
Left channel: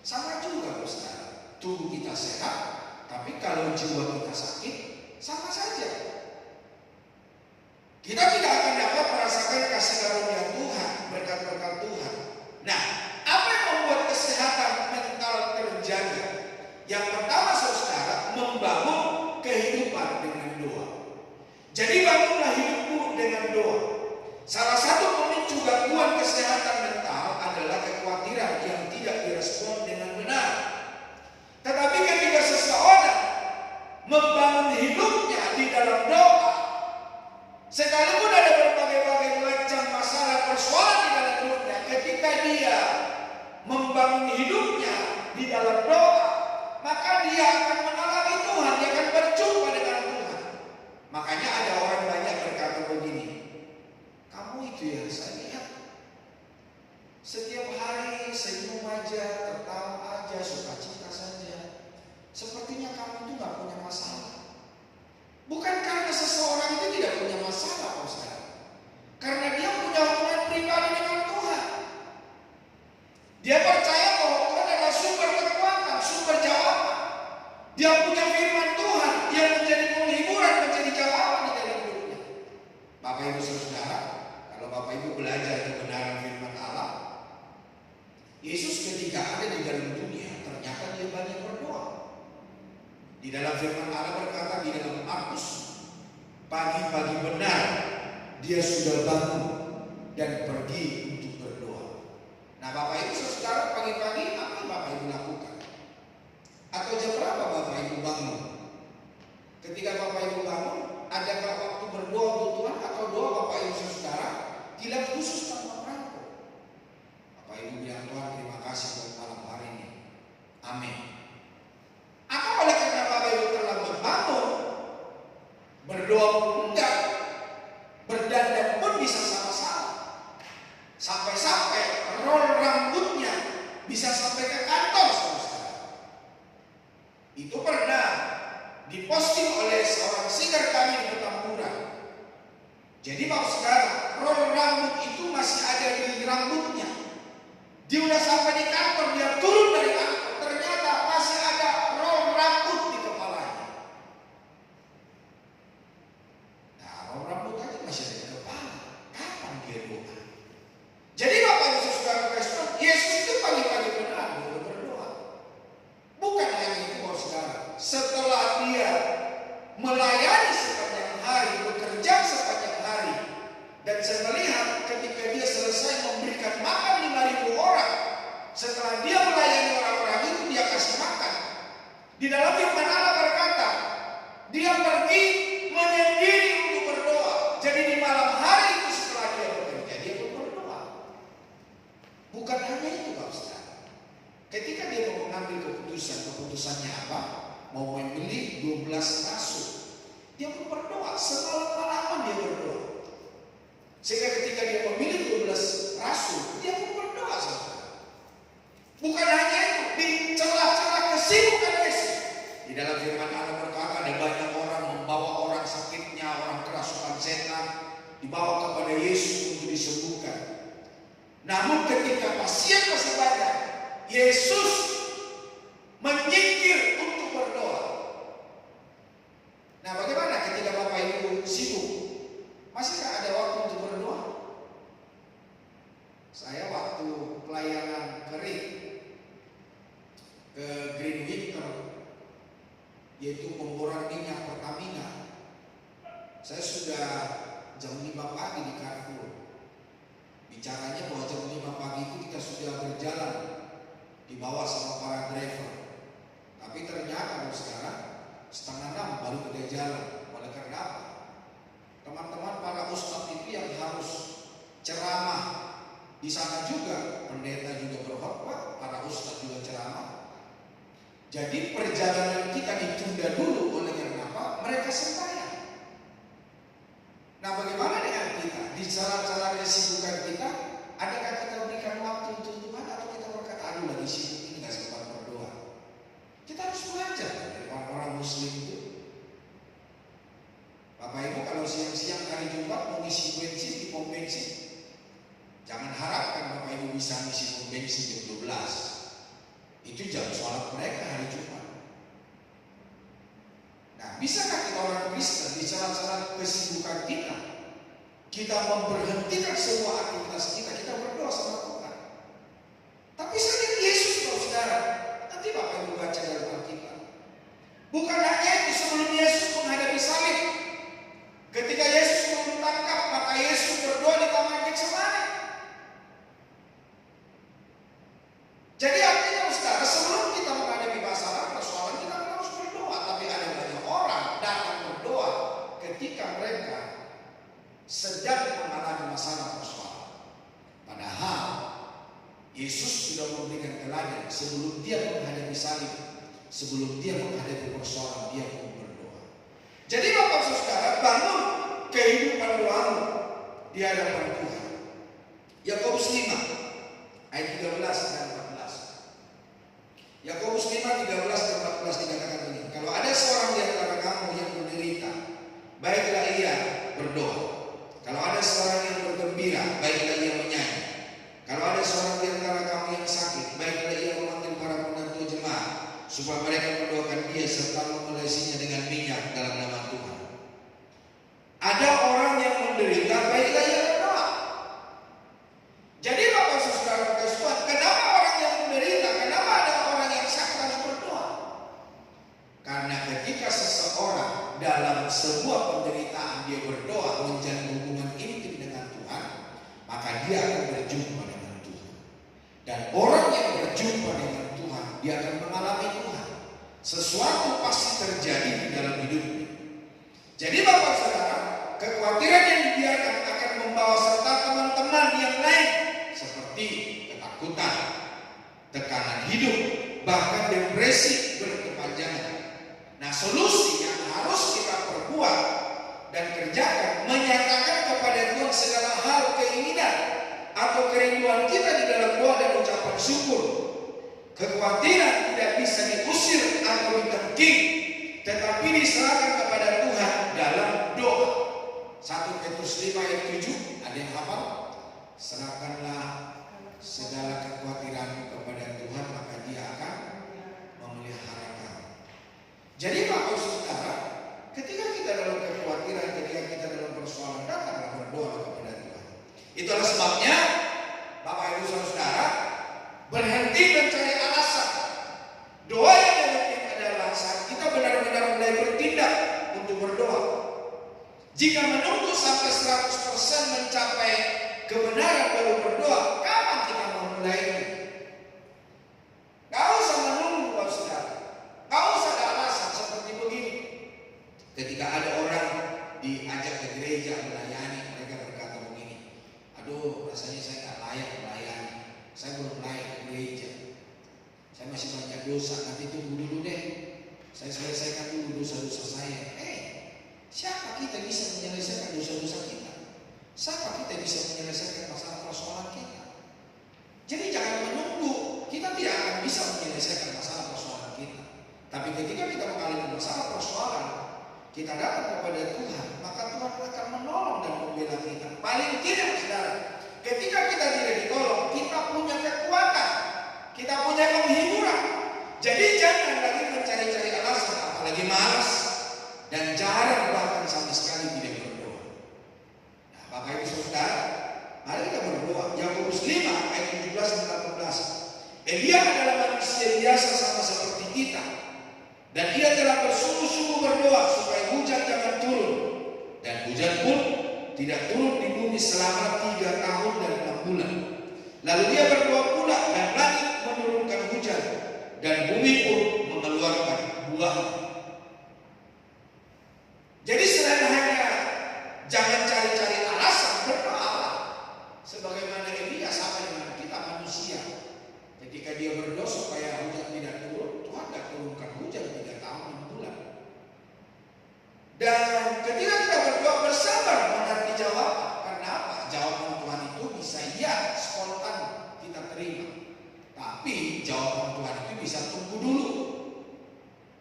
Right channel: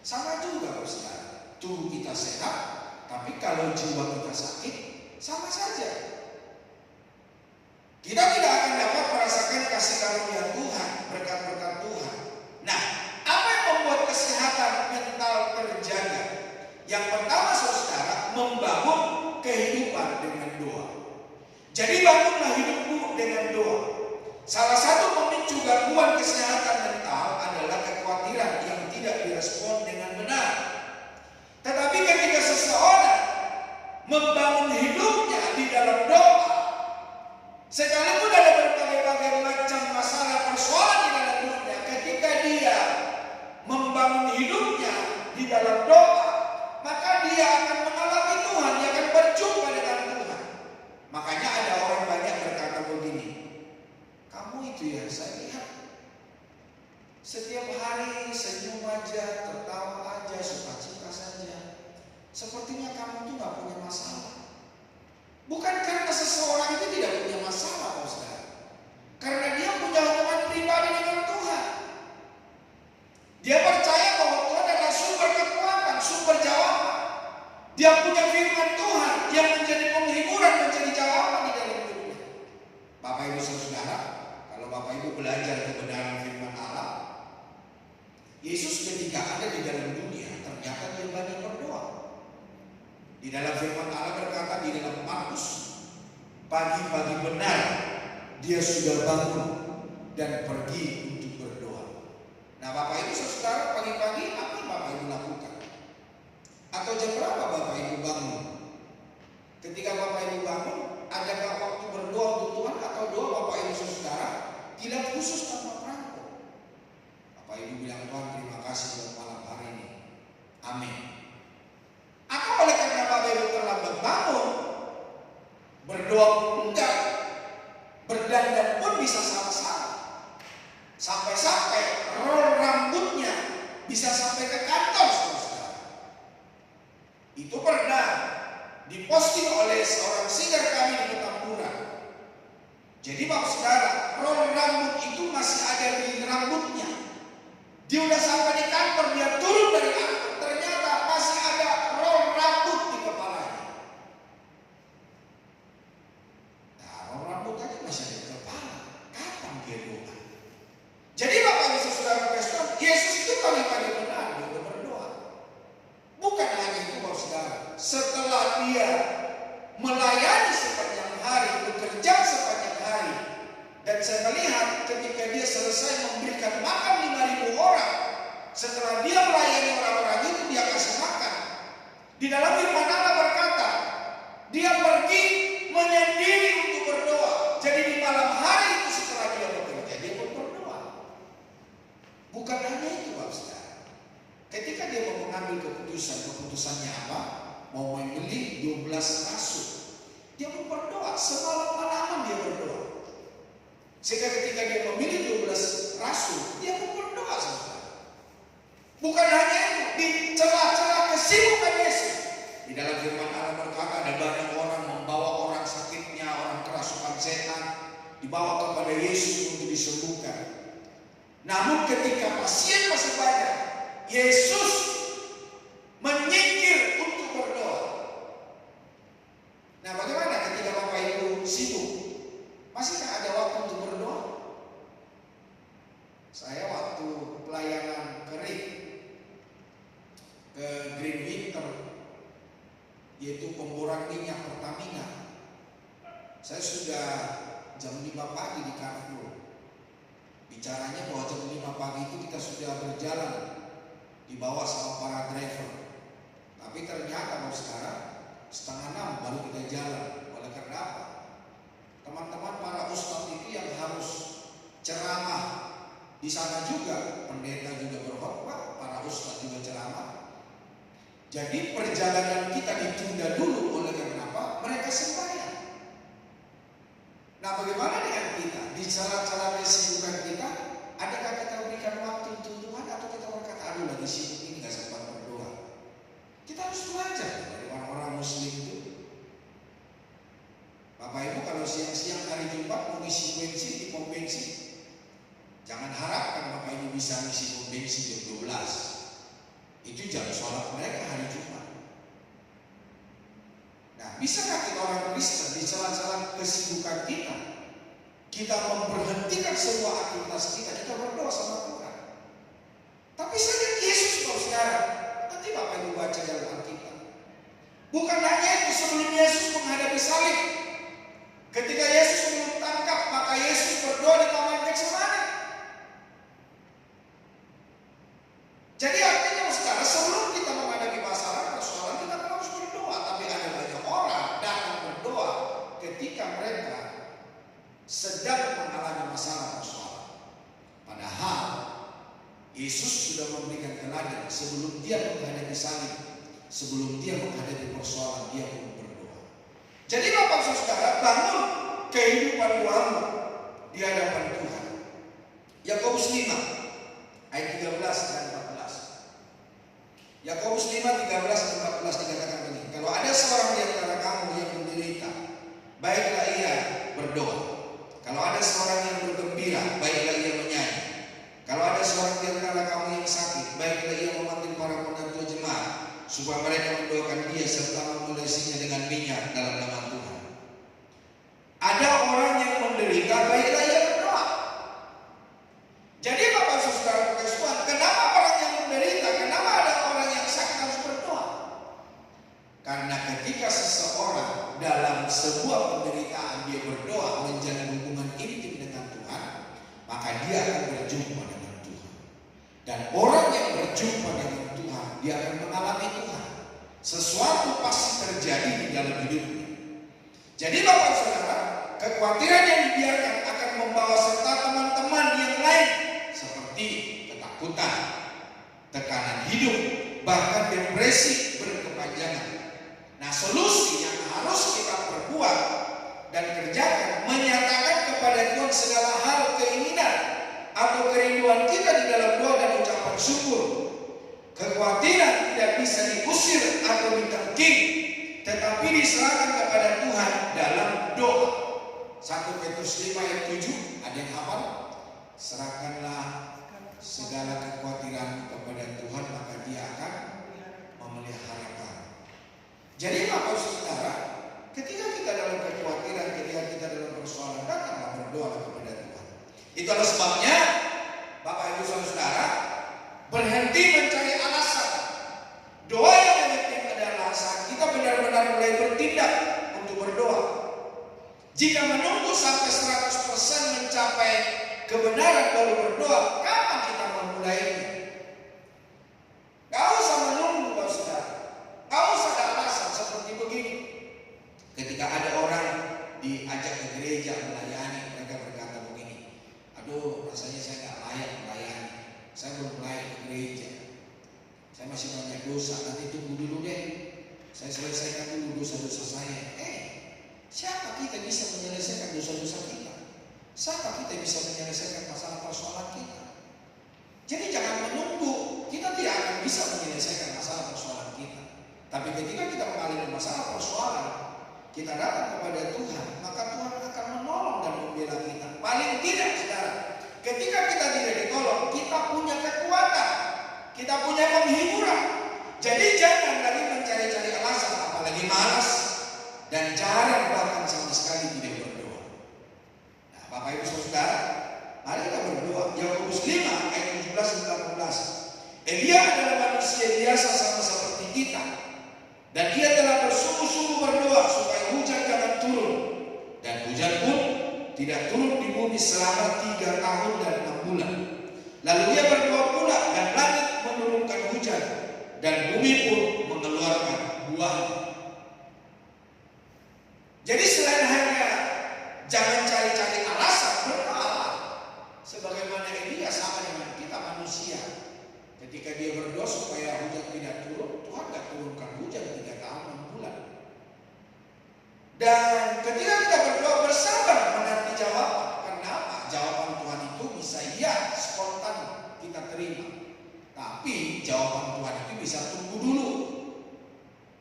Sama juga Ustaz. Tubuh kita sehat tapi kalau jiwa kita sakit, sama saja. Kita tidak akan dapat merasakan kasih karunia Tuhan, berkat-berkat Tuhan. Nah, apa yang membuat kesehatan mental terjaga? Yang pertama saudara, membangun kehidupan dengan doa. Jadi bangunlah hidupmu dengan doa. Salah satu pemicu gangguan kesehatan mental adalah kekhawatiran yang tidak direspon dengan benar. membangun hidupnya di dalam doa. Sekalipun ada berbagai-bagai macam masalah persoalan di dalam hidupnya, ketika dia membangun hidupnya di dalam doa, maka dia akan mengalami Tuhan, dia akan berjumpa dengan Tuhan. Makanya ada orang banyak berkata begini, kamu itu ya saya lihat setiap hari senyum aja, tertawa aja, sukacita saja. Sepertinya kamu itu gak punya masalah. Bukan karena seseorang itu tidak punya masalah, Pak Ustaz. Karena dia punya hubungan pribadi dengan Tuhan. Dia percaya bahwa Tuhan adalah sumber kekuatan, sumber jawaban. Dia punya firman Tuhan yang menjadi penghiburan, menjadi jawaban di dalam hidupnya. Bapak Ibu Saudara, kalau Bapak Ibu belajar kebenaran firman Allah, Yesus ketika ada di dalam dunia, ternyata dia banyak berdoa. Di dalam firman Allah berkata di dalam Markus, pagi-pagi benar dia sudah bangun dan pergi untuk berdoa. Nah Bapak Ibu Saudara, pagi-pagi apa yang Bapak Ibu lakukan? Atau jam berapa Bapak Ibu bangun? Ketika Bapak Ibu bangun, adakah waktu berdoa untuk Tuhan atau doa Bapak Ibu Saudara tidak khusus tanpa perangko? Bapak Ibu bilang, Tuhan terima kasih buat malam hari ini. Amin. Atau oleh karena Bapak Ibu terlambat bangun, berdoa pun enggak, berdandan pun bisa sama-sama. Sampai-sampai roll rambutnya bisa sampai ke kantor, saudara. Itu pernah diposting oleh seorang singer kami di Petamburan. Jadi Bapak Saudara, roll rambut itu masih ada di rambutnya. Dia udah sampai di kantor, dia turun dari angkot, ternyata masih ada roll rambut di kepalanya. Nah, roll rambut tadi masih ada di kepala. Kapan dia doa? Jadi Bapak Ibu Saudara Kristen, Yesus itu pagi-pagi benar untuk berdoa. Bukan hanya itu Bapak Saudara. Setelah dia melayani sepanjang hari, bekerja sepanjang hari, dan saya melihat ketika dia selesai memberikan makan 5.000 orang, setelah dia melayani orang-orang itu, dia kasih makan. Di dalam firman Allah berkata, dia pergi menyendiri untuk berdoa. Jadi di malam hari itu setelah dia bekerja, dia pun berdoa. Bukan hanya itu Bapak Saudara. Ketika dia mau mengambil keputusannya apa? Mau memilih 12 rasul, dia pun berdoa. Semalam-malaman dia berdoa. Sehingga ketika dia memilih 12 rasul, dia pun berdoa, saudara. Bukan hanya itu, di celah-celah kesibukan Yesus, di dalam firman Allah berkata ada banyak orang membawa orang sakitnya, orang kerasukan setan, dibawa kepada Yesus untuk disembuhkan. Namun ketika pasien masih banyak, Yesus menyingkir untuk berdoa. Nah, bagaimana ketika Bapak Ibu sibuk? Masihkah ada waktu untuk berdoa? Saya waktu pelayanan kering ke Green Winter, yaitu pemboran minyak Pertamina, saya sudah jam 5 pagi di Carrefour. Bicaranya bahwa jam 5 pagi itu kita sudah berjalan dibawa sama para driver. Tapi ternyata sekarang setengah 6 baru kita jalan. Oleh karena apa? Teman-teman para ustadz itu yang harus ceramah di sana juga, pendeta juga berkhotbah, para ustadz juga ceramah. Jadi perjalanan kita ditunda dulu. Oleh karena apa? Mereka sembahyang. Nah, bagaimana dengan kita? Di cara-cara kesibukan kita, adakah kita berikan waktu untuk Tuhan atau kita berkata, aduh lagi sibuk ini gak sempat berdoa? Kita harus belajar dari orang-orang muslim itu. Bapak Ibu kalau siang-siang hari Jumat mau ngisi bensin di pom bensin, jangan harapkan Bapak Ibu bisa ngisi pom bensin jam 12. Itu jam sholat mereka hari Jumat. Nah, bisakah kita orang Kristen di celah-celah kesibukan kita memberhentikan semua aktivitas kita berdoa sama Tuhan? Tapi saja Yesus saudara, nanti Bapak Ibu baca dalam Alkitab. Bukan hanya itu, sebelum Yesus menghadapi salib, ketika Yesus ditangkap, maka Yesus berdoa di taman Getsemani. Jadi artinya saudara, sebelum kita menghadapi masalah persoalan, kita harus berdoa. Tapi ada banyak orang ketika mereka sedang mengalami masalah persoalan. Padahal Yesus sudah memberikan teladan sebelum dia menghadapi salib, sebelum dia menghadapi persoalan, dia pun berdoa. Jadi Bapak Saudara, bangun kehidupan doamu di hadapan Tuhan. Yakobus 5 ayat 13 dan 14. Yakobus 5, 13 dan 14 dikatakan begini. Kalau ada seorang di antara kamu yang menderita, baiklah ia berdoa. Kalau ada seorang yang bergembira, baiklah ia menyanyi. Kalau ada seorang di antara kamu yang sakit, baiklah ia memanggil para penentu jemaat, supaya mereka mendoakan dia serta mengolesinya dengan minyak dalam nama Tuhan. Ada orang yang menderita, baiklah ia berdoa. Jadi Bapak Saudara Tuhan, kenapa orang yang menderita, kenapa ada orang yang sakit harus berdoa? Karena ketika seseorang dalam sebuah penderitaan dia berdoa, menjalin hubungan intim dengan Tuhan, maka dia akan berjumpa dengan Tuhan. Dan orang yang berjumpa dengan Tuhan, dia akan mengalami Tuhan. Sesuatu pasti terjadi di dalam hidupnya. Jadi Bapak Saudara, kekhawatiran yang dibiarkan akan membawa serta teman-teman yang lain, seperti ketakutan, tekanan hidup, bahkan depresi berkepanjangan. Nah, solusi yang harus kita perbuat dan kerjakan, menyatakan kepada Tuhan segala hal keinginan atau kerinduan kita di dalam doa dan ucapan syukur. Kekhawatiran tidak bisa diusir atau ditengking, tetapi diserahkan kepada Tuhan dalam doa. 1 Petrus 5 ayat 7, ada yang hafal? Serahkanlah segala kekhawatiran kepada Tuhan, maka Dia akan memelihara kamu. Jadi Bapak Saudara, ketika kita dalam kekhawatiran, ketika kita dalam persoalan, datanglah berdoa kepada Tuhan. Itulah sebabnya Bapak Ibu Saudara, berhenti mencari alasan. Doa yang penting adalah saat kita benar-benar mulai bertindak untuk berdoa. Jika menunggu sampai 100% mencapai kebenaran baru berdoa, kapan kita memulainya? Gak usah menunggu Bapak Saudara. Gak usah ada alasan seperti begini. Ketika ada orang diajak ke gereja melayani, mereka berkata begini, aduh rasanya saya gak layak melayani, saya belum layak ke gereja, saya masih banyak dosa, nanti tunggu dulu deh, saya selesaikan dulu dosa-dosa saya. Siapa kita bisa menyelesaikan dosa-dosa kita? Siapa kita bisa menyelesaikan masalah persoalan kita? Jadi jangan menunggu, kita tidak akan bisa menyelesaikan masalah persoalan kita. Tapi ketika kita mengalami masalah persoalan, kita datang kepada Tuhan, maka Tuhan akan menolong dan membela kita. Paling tidak saudara, ketika kita tidak ditolong, kita punya kekuatan, kita punya penghiburan. Jadi jangan lagi mencari-cari alasan, apalagi malas, dan jarang bahkan sama sekali tidak berdoa. Nah, Bapak Ibu Saudara, mari kita berdoa. Yakobus 5 ayat 17 dan 18. Elia adalah manusia biasa sama seperti kita, dan dia telah bersungguh-sungguh berdoa supaya hujan jangan turun, dan hujan pun tidak turun di bumi selama 3 tahun dan 6 bulan. Lalu dia berdoa pula, dan langit menurunkan hujan, dan bumi pun mengeluarkan buahnya. Jadi selain hanya jangan cari-cari alasan, berdoa. Sebagaimana Elia sama dengan kita manusia. Ketika dia berdoa supaya hujan tidak turun, Tuhan tidak turunkan hujan 3 tahun 6 bulan. Dan ketika kita berdoa bersabar menanti jawaban. Karena apa? Jawaban Tuhan itu bisa ya spontan kita terima. Tapi jawaban Tuhan itu bisa tunggu dulu.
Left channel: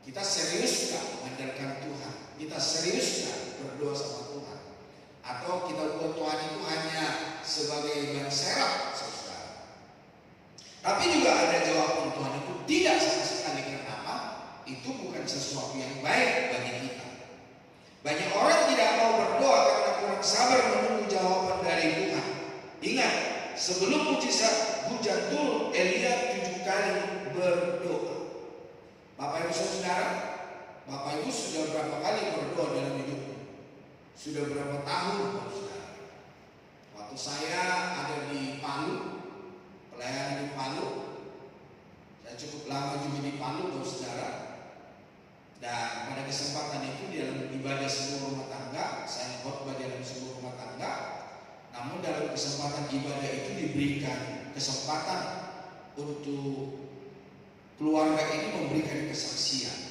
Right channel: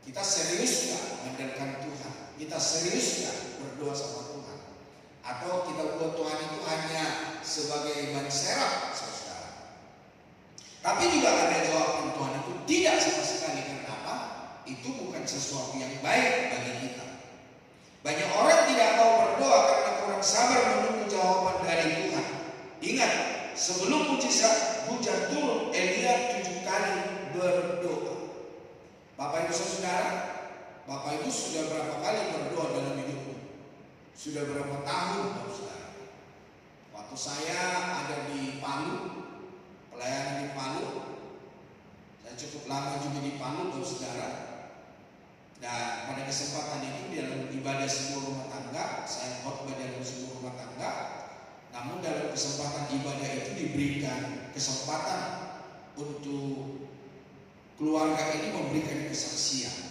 Kita serius gak mengandalkan Tuhan? Kita serius gak berdoa sama Tuhan? Atau kita buat Tuhan itu hanya sebagai ban serap, saudara? Tapi juga ada jawaban Tuhan itu tidak sama sekali. Kenapa? Itu bukan sesuatu yang baik bagi kita. Banyak orang tidak mau berdoa karena kurang sabar menunggu jawaban dari Tuhan. Ingat, sebelum mujizat hujan turun, Elia 7 kali berdoa. Bapak Ibu Saudara, Bapak Ibu sudah berapa kali berdoa dalam hidupmu? Sudah berapa tahun, Saudara? Waktu saya ada di Palu, pelayanan di Palu, saya cukup lama juga di Palu, Saudara. Dan pada kesempatan itu di dalam ibadah sebuah rumah tangga, Namun dalam kesempatan ibadah itu diberikan kesempatan untuk keluarga ini memberikan kesaksian.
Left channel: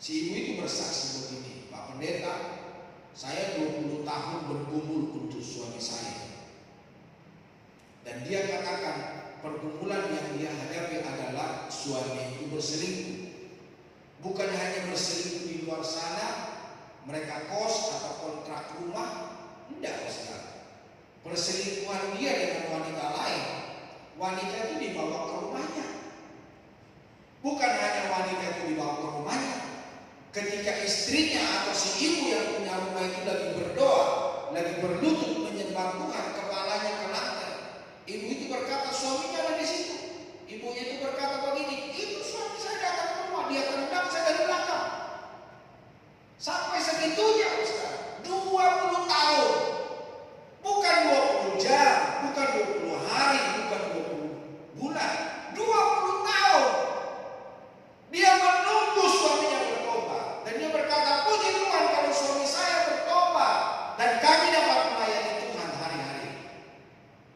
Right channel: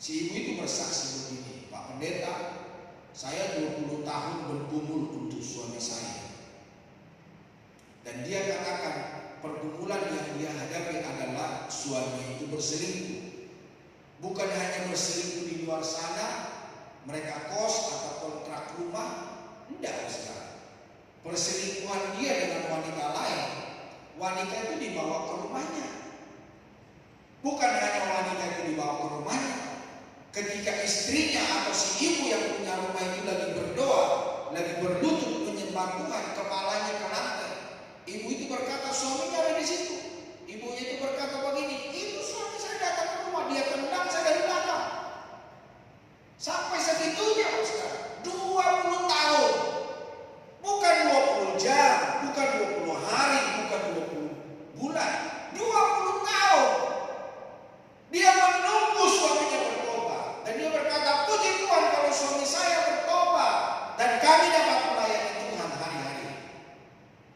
Si ibu itu bersaksi begini, Pak Pendeta, saya 20 tahun bergumul untuk suami saya. Dan dia katakan pergumulan yang dia hadapi adalah suami itu berselingkuh. Bukan hanya berselingkuh di luar sana, mereka kos atau kontrak rumah. Tidak, saudara. Perselingkuhan dia dengan wanita lain, wanita itu dibawa ke rumahnya. Bukan hanya wanita itu dibawa ke rumahnya. Ketika istrinya atau si ibu yang punya rumah itu lagi berdoa, lagi berlutut menyembah Tuhan, kepalanya ke lantai, ibu itu berkata, suaminya ada di situ. Ibu itu berkata begini, itu suami saya datang ke rumah, dia tendang saya dari belakang. Sampai segitunya, saudara. 20 tahun. Bukan 20 jam, bukan 20 hari, bukan 20 bulan. 20 tahun. Dia menunggu suaminya bertobat. Dan dia berkata, puji Tuhan kalau suami saya bertobat. Dan kami dapat melayani Tuhan hari-hari.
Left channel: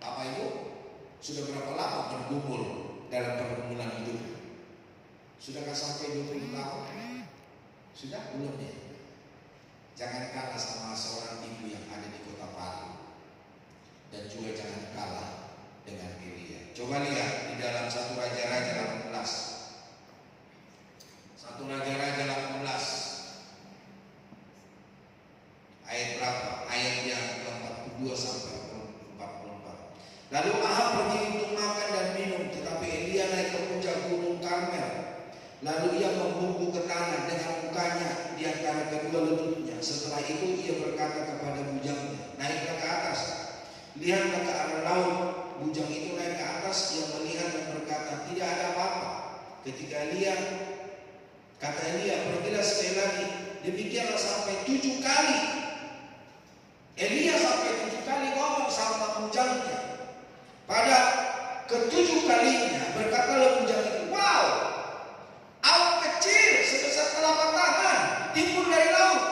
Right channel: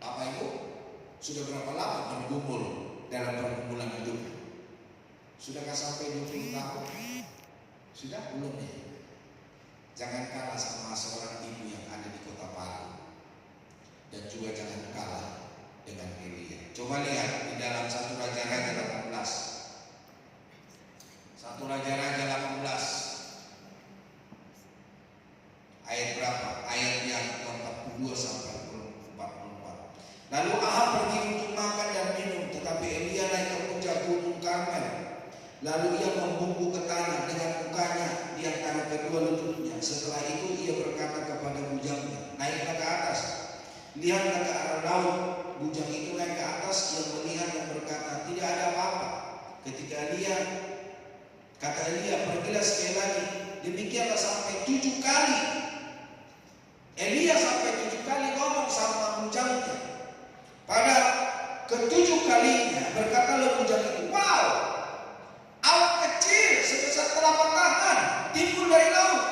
Bapak Ibu, sudah berapa lama bergumul dalam pergumulan hidup? Sudahkah sampai 20 tahun? Sudah? Belum ya? Jangan kalah sama seorang ibu yang ada di kota Palu. Dan juga jangan kalah dengan Elia. Coba lihat di dalam 1 Raja-Raja 18. 1 Raja-Raja 18. Ayat berapa? Ayat yang ke-42 sampai 44. Lalu Ahab pergi untuk makan dan minum, tetapi Elia naik ke puncak gunung Karmel. Lalu ia membungkuk ke tanah dengan mukanya di antara kedua lututnya. Setelah itu ia berkata kepada bujangnya, naiklah ke atas, lihatlah ke arah laut. Bujang itu naik ke atas, ia melihat dan berkata, tidak ada apa-apa. Ketika kata Elia, pergilah sekali lagi. Demikianlah sampai 7 kali. Elia sampai 7 kali ngomong sama bujangnya. Pada ke-7 kalinya berkatalah bujang itu, wow, awan kecil sebesar telapak tangan timbul dari laut.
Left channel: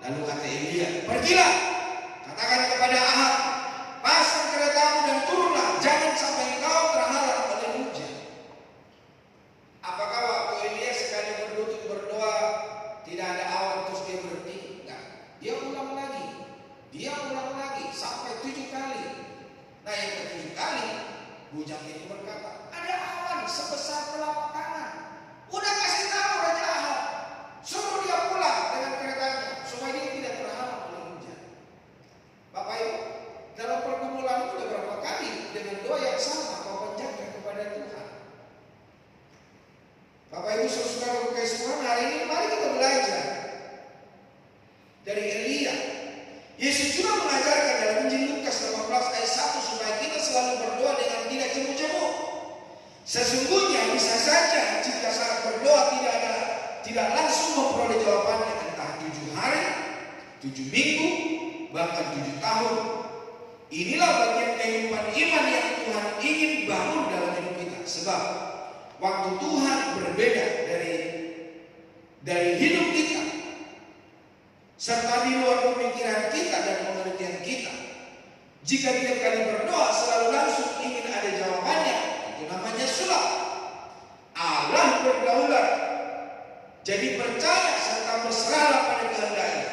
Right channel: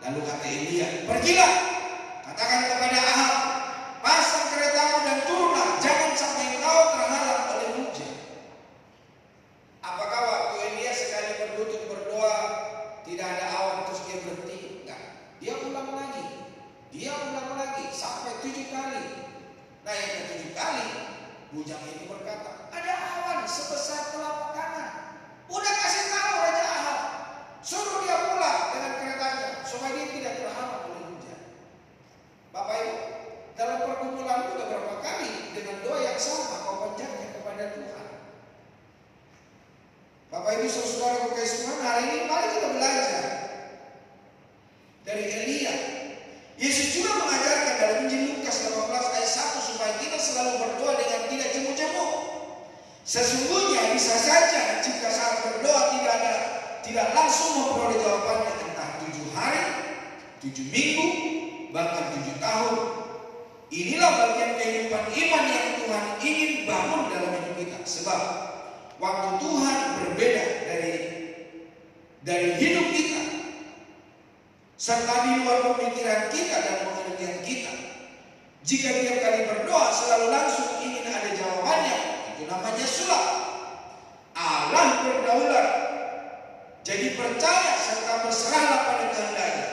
Lalu kata Elia, pergilah, katakan kepada Ahab, pasang keretamu dan turunlah, jangan sampai engkau terhalang oleh hujan. Apakah waktu Elia sekali berlutut berdoa tidak ada awan terus dia berhenti? Enggak. Dia ulang lagi sampai 7 kali. Nah yang ke-7 kali bujang itu berkata, ada awan sebesar telapak tangan. Udah kasih tahu Raja Ahab, suruh dia pulang dengan keretanya supaya dia tidak terhalang oleh hujan. Bapak Ibu, dalam pergumulan udah berapa kali dengan doa yang sama kau panjatkan kepada Tuhan. Bapak Ibu saudara berkasih Tuhan, hari ini mari kita belajar dari Elia. Yesus juga mengajarkan dalam Injil Lukas 18 ayat 1 supaya kita selalu berdoa dengan tidak cemu-cemu. Sesungguhnya bisa saja jika saat berdoa tidak langsung memperoleh jawabannya, entah 7 hari, 7 minggu, bahkan 7 tahun. Inilah bagian kehidupan iman yang Tuhan ingin bangun dalam hidup kita. Sebab waktu Tuhan berbeda dari hidup kita, serta di luar pemikiran kita dan pengertian kita. Jika tiap kali berdoa selalu langsung ingin ada jawabannya, itu namanya sulap. Allah berdaulat. Jadi percaya serta berserahlah pada kehendaknya.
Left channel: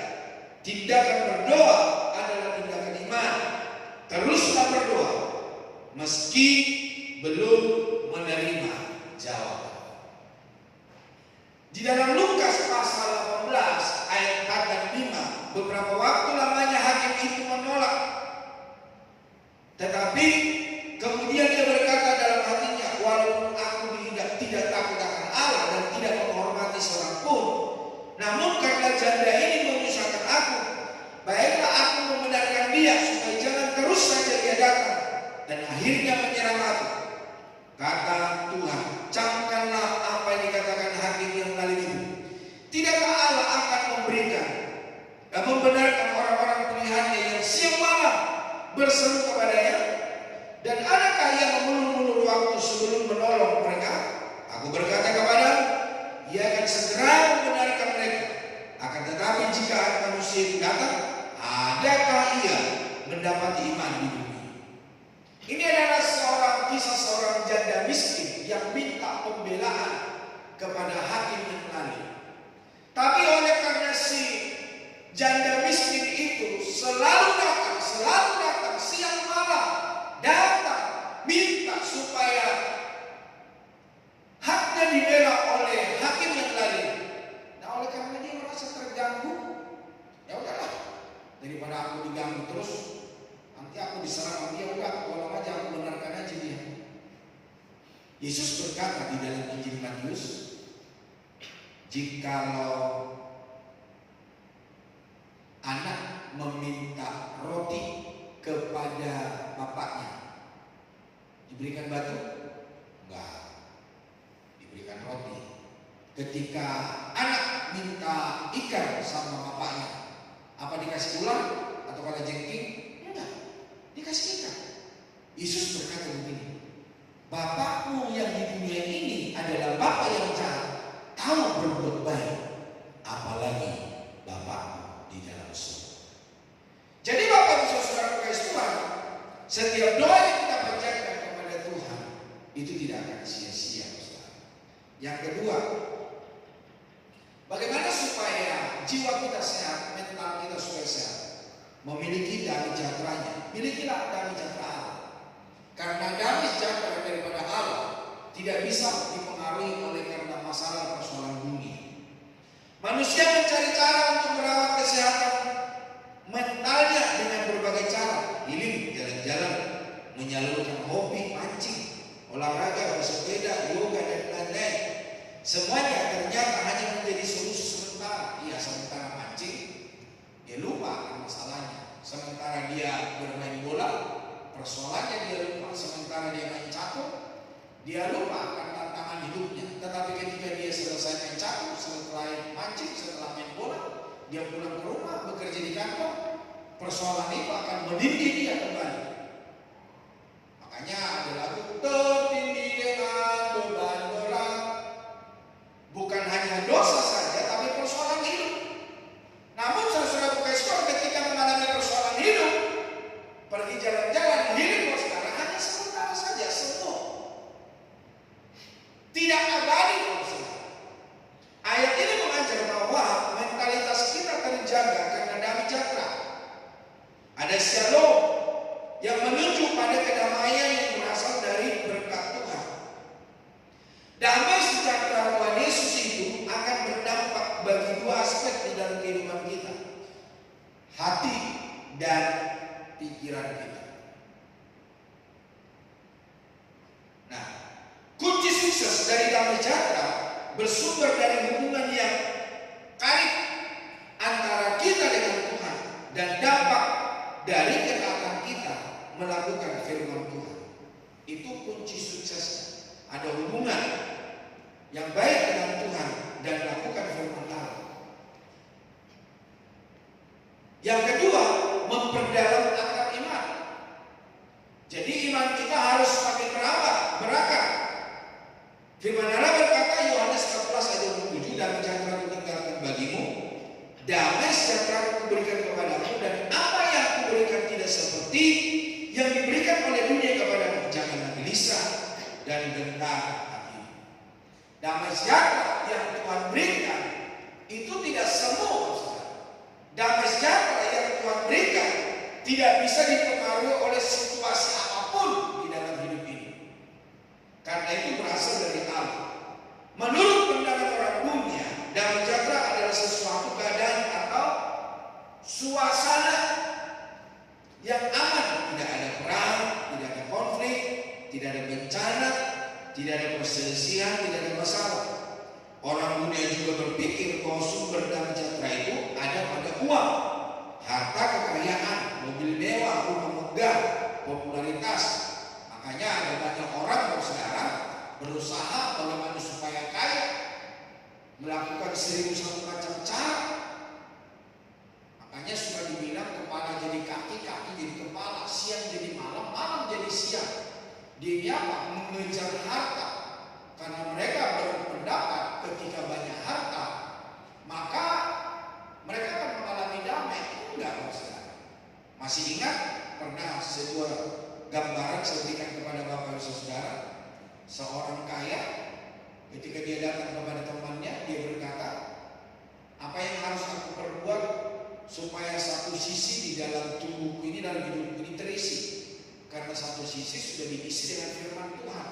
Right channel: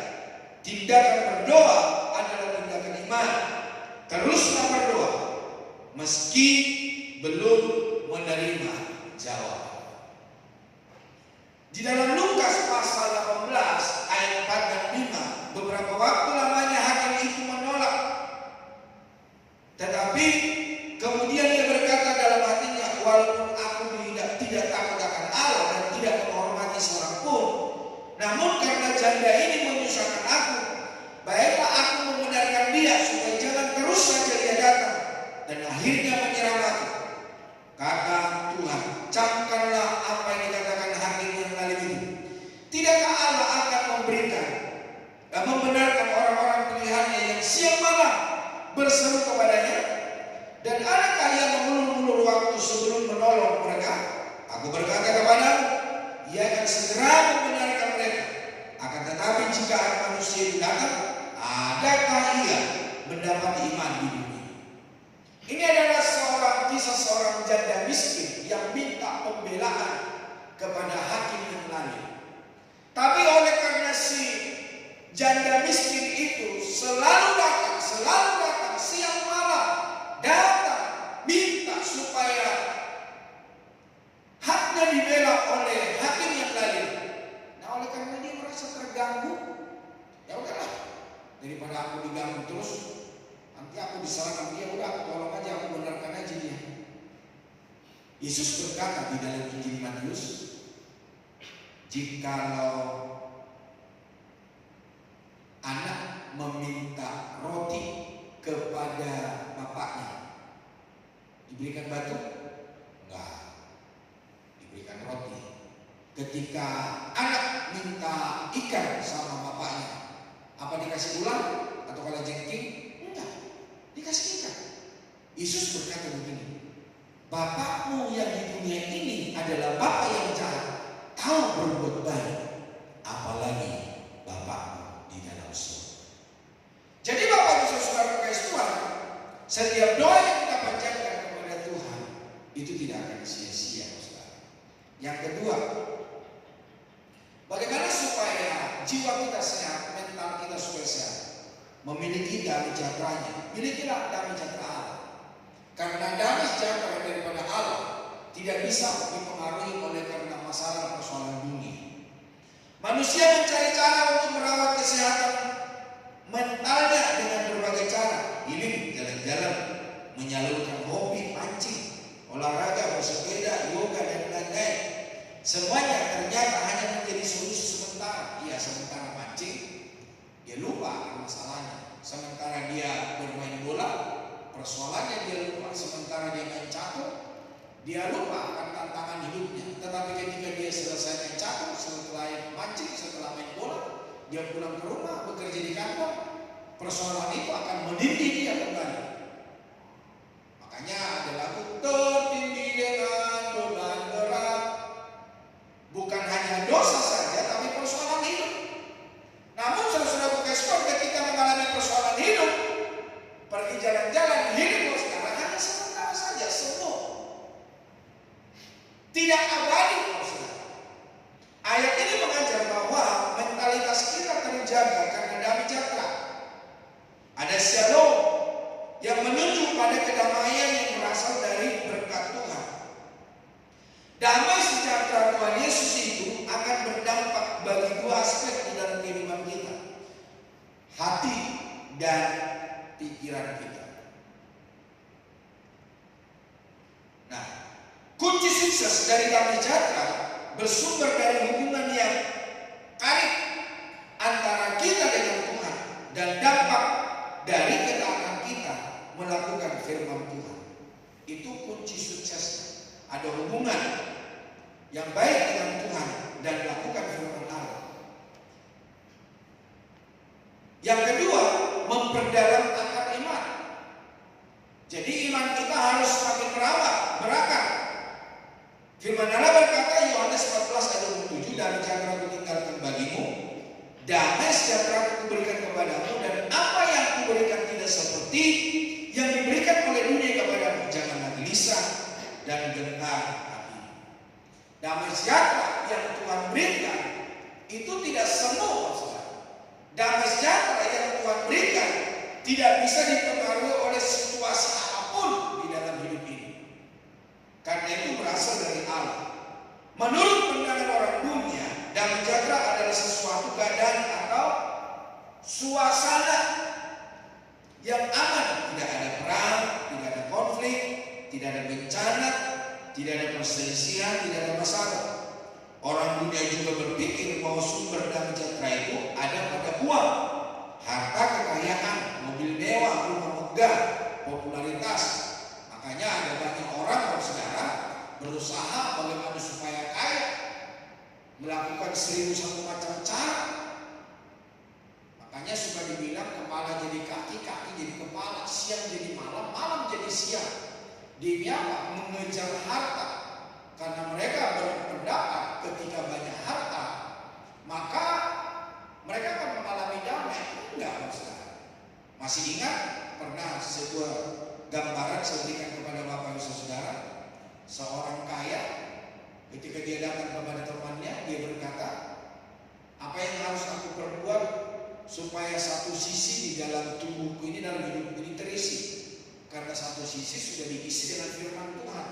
Tindakan berdoa adalah tindakan iman. Teruslah berdoa meski belum menerima jawaban. Di dalam Lukas pasal 18 ayat 4 dan 5, beberapa waktu lamanya hakim itu menolak. Tetapi kemudian dia berkata dalam hatinya, walaupun aku tidak takut akan Allah dan tidak menghormati seorang pun, namun karena janda ini menyusahkan aku, baiklah aku membenarkan dia supaya jangan terus saja dia datang dan akhirnya menyerang aku. Kata Tuhan, camkanlah apa yang dikatakan hakim yang zalim itu. Tidakkah Allah akan memberikan dan membenarkan orang-orang pilihannya yang siang malam berseru kepadanya? Dan adakah yang mengulur-ulur waktu sebelum menolong mereka? Aku berkata kepada, ia akan segera membenarkan mereka. Akan tetapi jika anak manusia itu datang, adakah ia mendapat iman di dunia. Ini adalah kisah seorang janda miskin yang minta pembelaan kepada hakim yang lain. Tapi oleh karena si janda miskin itu selalu datang siang malam, datang minta supaya haknya dibela oleh hakim yang lain. Nah, oleh karena dia merasa terganggu, ya udahlah, daripada aku diganggu terus, nanti aku diserang dia, udah aku tolong aja, aku benarkan aja dia. Yesus berkata di dalam Injil Matius, jikalau anak meminta roti kepada bapaknya, diberikan batu? Enggak, diberikan roti. Ketika anak minta ikan sama bapaknya, apa dikasih ular atau kalajengking? Enggak, dikasih ikan. Yesus berkata begini, Bapakmu yang di dunia ini adalah Bapa yang jahat, tahu berbuat baik, apalagi Bapakmu di dalam surga. Jadi Bapak Ibu Saudara kasih Tuhan, setiap doa yang kita panjatkan kepada Tuhan itu tidak akan sia-sia, saudara. Yang kedua, bagaimana supaya jiwa kita sehat, mental kita supaya sehat? Memiliki damai sejahteranya. Milikilah damai sejahtera Allah. Karena damai sejahtera daripada Allah tidak bisa dipengaruhi oleh karena masalah persoalan dunia. Manusia mencari cara untuk merawat kesehatan mentalnya dengan berbagai cara. Healing, jalan-jalan, menyalurkan hobi, mancing, olahraga, bersepeda, yoga, dan lain-lain. Semuanya ternyata hanya menjadi solusi sementara. Iya, sementara mancing, dia lupa masalahnya. Sementara dia bermain bola, persoalannya dia lupa. Sementara dia main catur, dia lupa akan tantangan hidupnya. Tetapi ketika dia selesai main catur, setelah mancing, setelah main bola, dia pulang ke rumah, bekerja di kantor, persoalan itu akan menindih dia kembali. Makanya ada lagu tertindih dengan beban berat. Bukan hanya dosa saja, tapi persoalan hidup. Namun saudara-saudara Kristen, ketika mengalami persoalan hidup, pergi jalan-jalan, hidup sekarang hanya sementara saja, semua tidak abadi. Ayat ini mengajar bahwa mentalitas kita terjaga karena damai sejahtera. Ada shalom yang menunjuk pada kedamaian yang berasal dari berkat Tuhan. Damai sejahtera Tuhan Yesus itu akan berdampak bagi dua aspek di dalam kehidupan kita, hati dan pikiran kita. Nah, kunci sukses dari damai sejahtera bersumber dari hubungan yang karib antara kita dengan Tuhan dan dampak dari ketaatan kita melakukan firman Tuhan. Itu kunci suksesnya. Ada hubungan yang baik dengan Tuhan dan lakukan firman Allah. Yang kedua, memperdalam akar iman. Jadi iman kita harus semakin berakar. Firman Allah berkata, Yohanes 14 ayat 27, damai sejahtera aku tinggalkan bagimu, damai sejahtera aku berikan kepadamu, dan apa yang aku berikan tidak seperti yang diberikan oleh dunia kepadamu. Janganlah gelisah dan gentar hati. Damai sejahtera yang Tuhan berikan itu tidak semua. Damai sejahtera yang Tuhan berikan tidak bisa dipengaruhi oleh situasi apapun di dalam hidup ini. Karena itu berasal dari Allah. Menurut pandangan orang dunia, damai sejahtera adalah sesuatu keadaan atau suasana yang aman. Tidak ada perang, tidak ada konflik, tidak ada bencana, tidak ada perselisihan, tidak ada masalah. Orang dunia juga berpikir bahwa sumber damai sejahtera itu ada pada uang, harta kekayaan, mobil mewah, rumah megah, popularitas. Makanya ada banyak orang saudara berusaha bagaimana supaya kaya, melakukan 1001 macam cara. Makanya suka dibilang kepala jadi kaki, kaki jadi kepala, siang jadi malam, malam jadi siang. Dia apa? Mengejar harta. Karena mereka berpendapat ketika banyak harta, maka mereka akan mengalami damai. Enggak, saudara. Masih ingat saya berikan kepada Bapak Ibu Saudara. Seorang kaya ketika dia datang kepada temannya, dia berkata, apa yang harus aku perbuat supaya satu sisi di dalam tubuhku ini, dalam hidupku ini terisi? Karena satu sisi sudah diisi dengan firman Tuhan,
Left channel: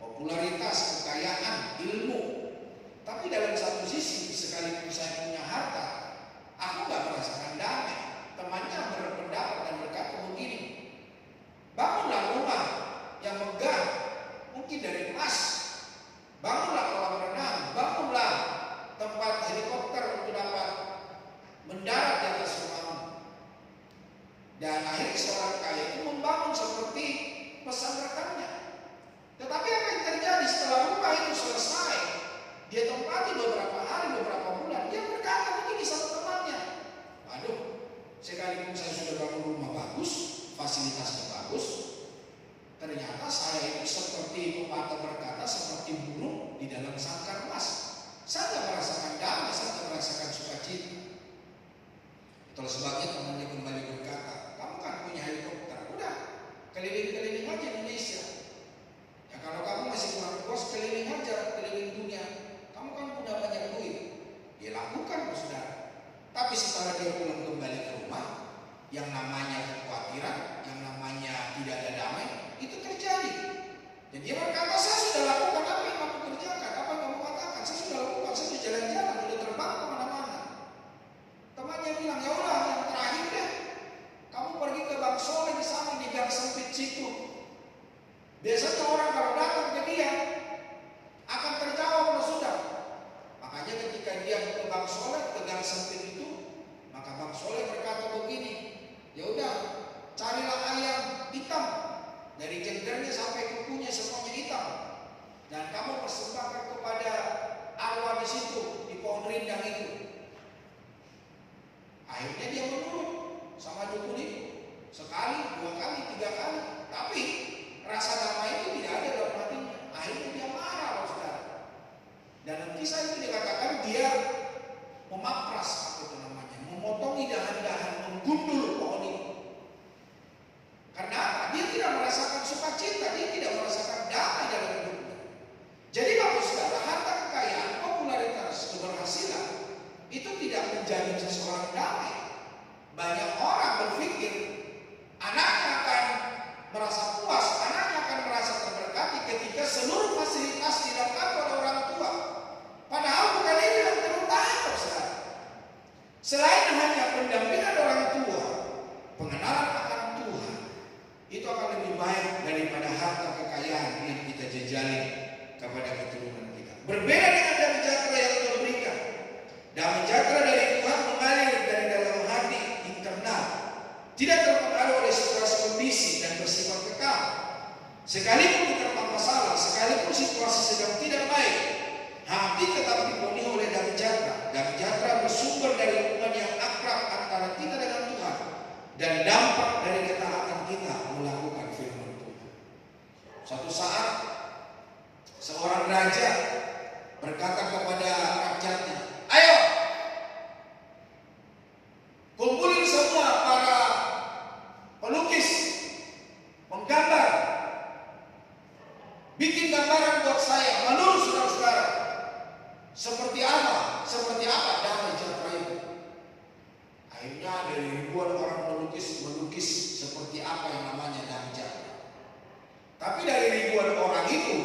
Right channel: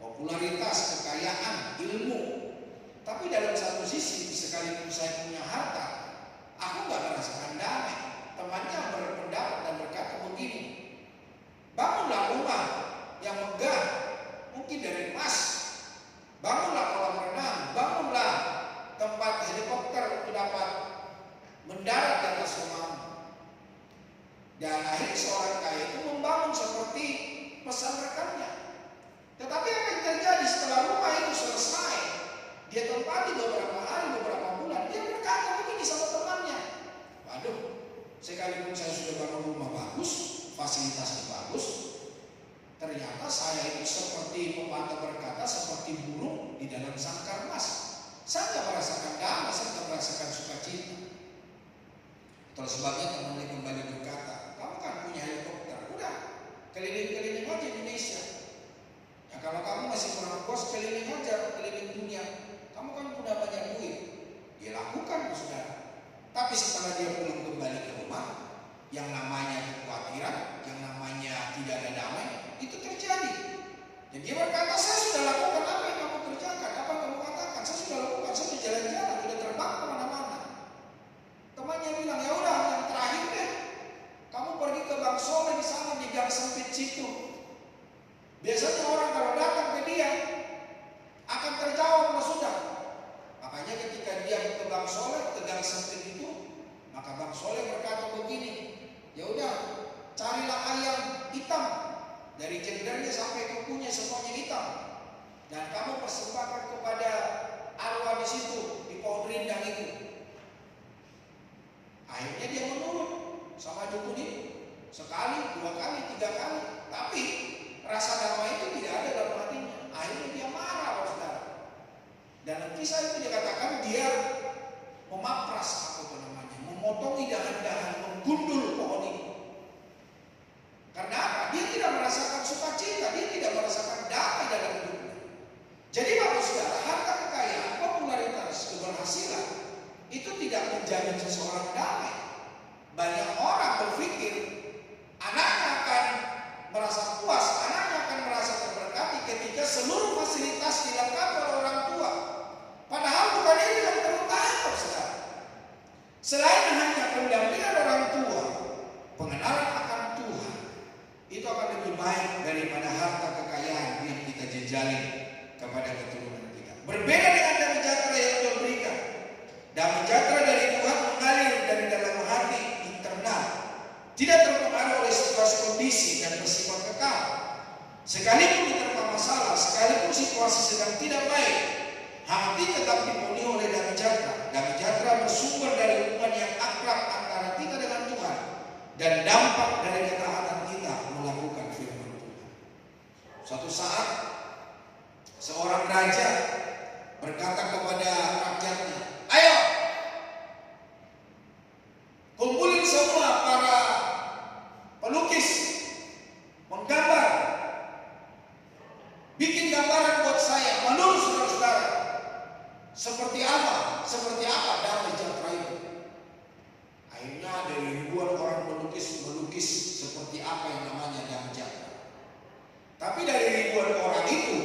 popularitas, kekayaan, ilmu. Tapi dalam satu sisi, sekalipun saya punya harta, aku gak merasakan damai. Temannya berpendapat dan berkata begini, bangunlah rumah yang megah, mungkin dari emas. Bangunlah kolam renang, bangunlah tempat helikopter untuk dapat mendarat di atas rumahmu. Dan akhirnya seorang kaya itu membangun seperti pesan rekannya. Tetapi apa yang terjadi setelah rumah itu selesai, dia tempati beberapa hari, beberapa bulan, dia berkata begini sama temannya, waduh, sekalipun saya sudah bangun rumah bagus, fasilitasnya bagus, ternyata saya itu seperti pepatah berkata, seperti burung di dalam sangkar emas. Saya tidak merasakan damai, saya tidak merasakan sukacita. Itulah sebabnya temannya kembali berkata, kamu kan punya helikopter, udah keliling-keliling aja Indonesia. Ya kalau kamu masih kurang puas, keliling aja, keliling dunia. Kamu kan punya banyak duit. Dia lakukan, saudara. Tapi setelah dia pulang kembali ke rumah, yang namanya kekhawatiran, yang namanya tidak ada damai, itu terjadi. Dan dia berkata, saya sudah lakukan apa yang kamu kerjakan, apa yang kamu katakan, saya sudah lakukan, saya sudah jalan-jalan, sudah terbang kemana-mana. Temannya bilang, ya udah, yang terakhir deh, kamu pergi ke Bang Soleh di sana di gang sempit situ. Biasanya orang kalau datang ke dia akan terjawab, sudah. Makanya ketika dia ke Bang Soleh, ke gang sempit itu, maka Bang Soleh berkata begini, ya udah, carilah ayam hitam dari jenggernya sampai kukunya semuanya hitam, dan kamu persembahkan kepada arwah di situ di pohon rindang itu. Akhirnya dia menurut sama dukun itu, sekali, 2 kali, 3 kali, tapi rasa damai itu tidak ada dalam hatinya. Akhirnya dia marah, saudara. Dalam kisah itu dikatakan dia memapras, apa itu namanya, memotongi dahan-dahan, menggundul pohon itu. Karena apa? Dia tidak merasakan sukacita, dia tidak merasakan damai dalam hidupnya. Jadi Bapak Saudara, harta kekayaan, popularitas, keberhasilan itu tidak menjamin seseorang damai. Banyak orang berpikir anaknya akan merasa puas, anaknya akan merasa terberkati ketika seluruh fasilitas dilengkapi oleh orang tua. Padahal bukan itu yang terutama, saudara. Selain hanya pendampingan orang tua, pengenalan akan Tuhan itu akan lebih baik daripada harta kekayaan yang kita jejali kepada keturunan kita. Berbeda dengan damai sejahtera yang Tuhan berikan. Damai sejahtera dari Tuhan mengalir dari dalam hati internal, tidak terpengaruh oleh situasi kondisi dan bersifat kekal. Sekalipun diterpa masalah, sekalipun situasi sedang tidak baik, hati tetap dipenuhi oleh damai sejahtera. Damai sejahtera bersumber dari hubungan yang akrab antara kita dengan Tuhan dan dampak dari ketaatan kita melakukan firman Tuhan. Suatu saat seorang raja berkata kepada rakyatnya, ayo kumpulin semua para pelukis, menggambar, bikin gambaran buat saya menurut saudara-saudara. Seperti apa damai sejahtera itu. Akhirnya dari ribuan orang melukis seperti apa yang namanya damai sejahtera. Tapi dari ribuan orang itu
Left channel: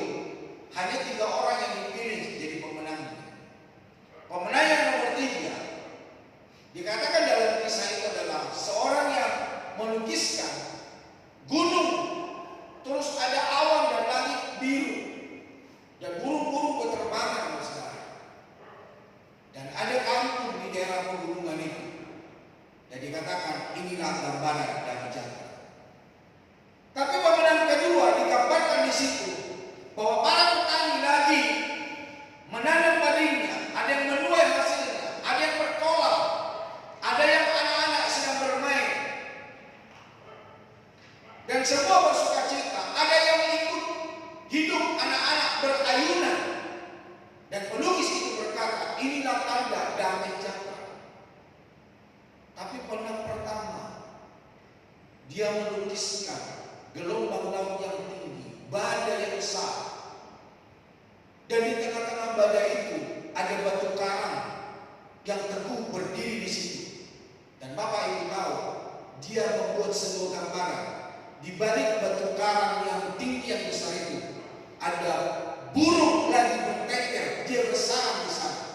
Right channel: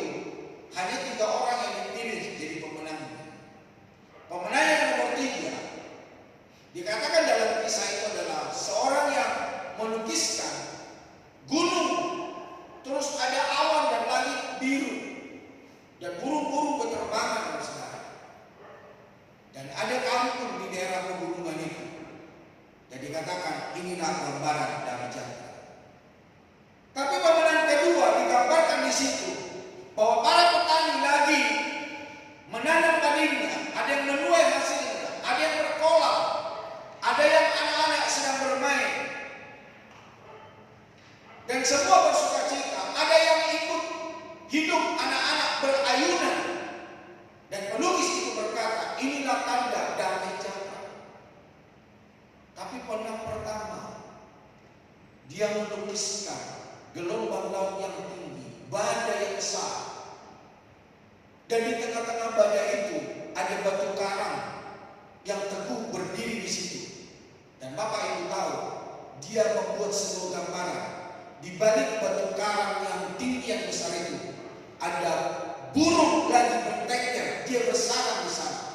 hanya 3 orang yang dipilih jadi pemenangnya. Pemenang yang nomor 3 dikatakan dalam kisah itu adalah seorang yang melukiskan gunung, terus ada awan dan langit biru, dan burung-burung berterbangan, saudara. Dan ada kampung di daerah pegunungan itu. Dan dikatakan inilah gambaran damai sejahtera. Tapi pemenang kedua digambarkan di situ bahwa para petani lagi menanam padingnya, ada yang menuai hasilnya, ada yang berkolam, ada yang anak-anak sedang bermain, dan semua bersukacita. Ada yang ikut hidup anak-anak berayunan. Dan pelukis itu berkata, inilah tanda damai sejahtera. Tapi pemenang pertama, dia melukiskan gelombang laut yang tinggi, badai yang besar. Dan di tengah-tengah badai itu ada batu karang yang teguh berdiri di situ. Dan Bapak Ibu tahu, dia membuat sebuah gambaran. Di balik batu karang yang tinggi yang besar itu ada burung lagi bertengger, dia bersarang di sana.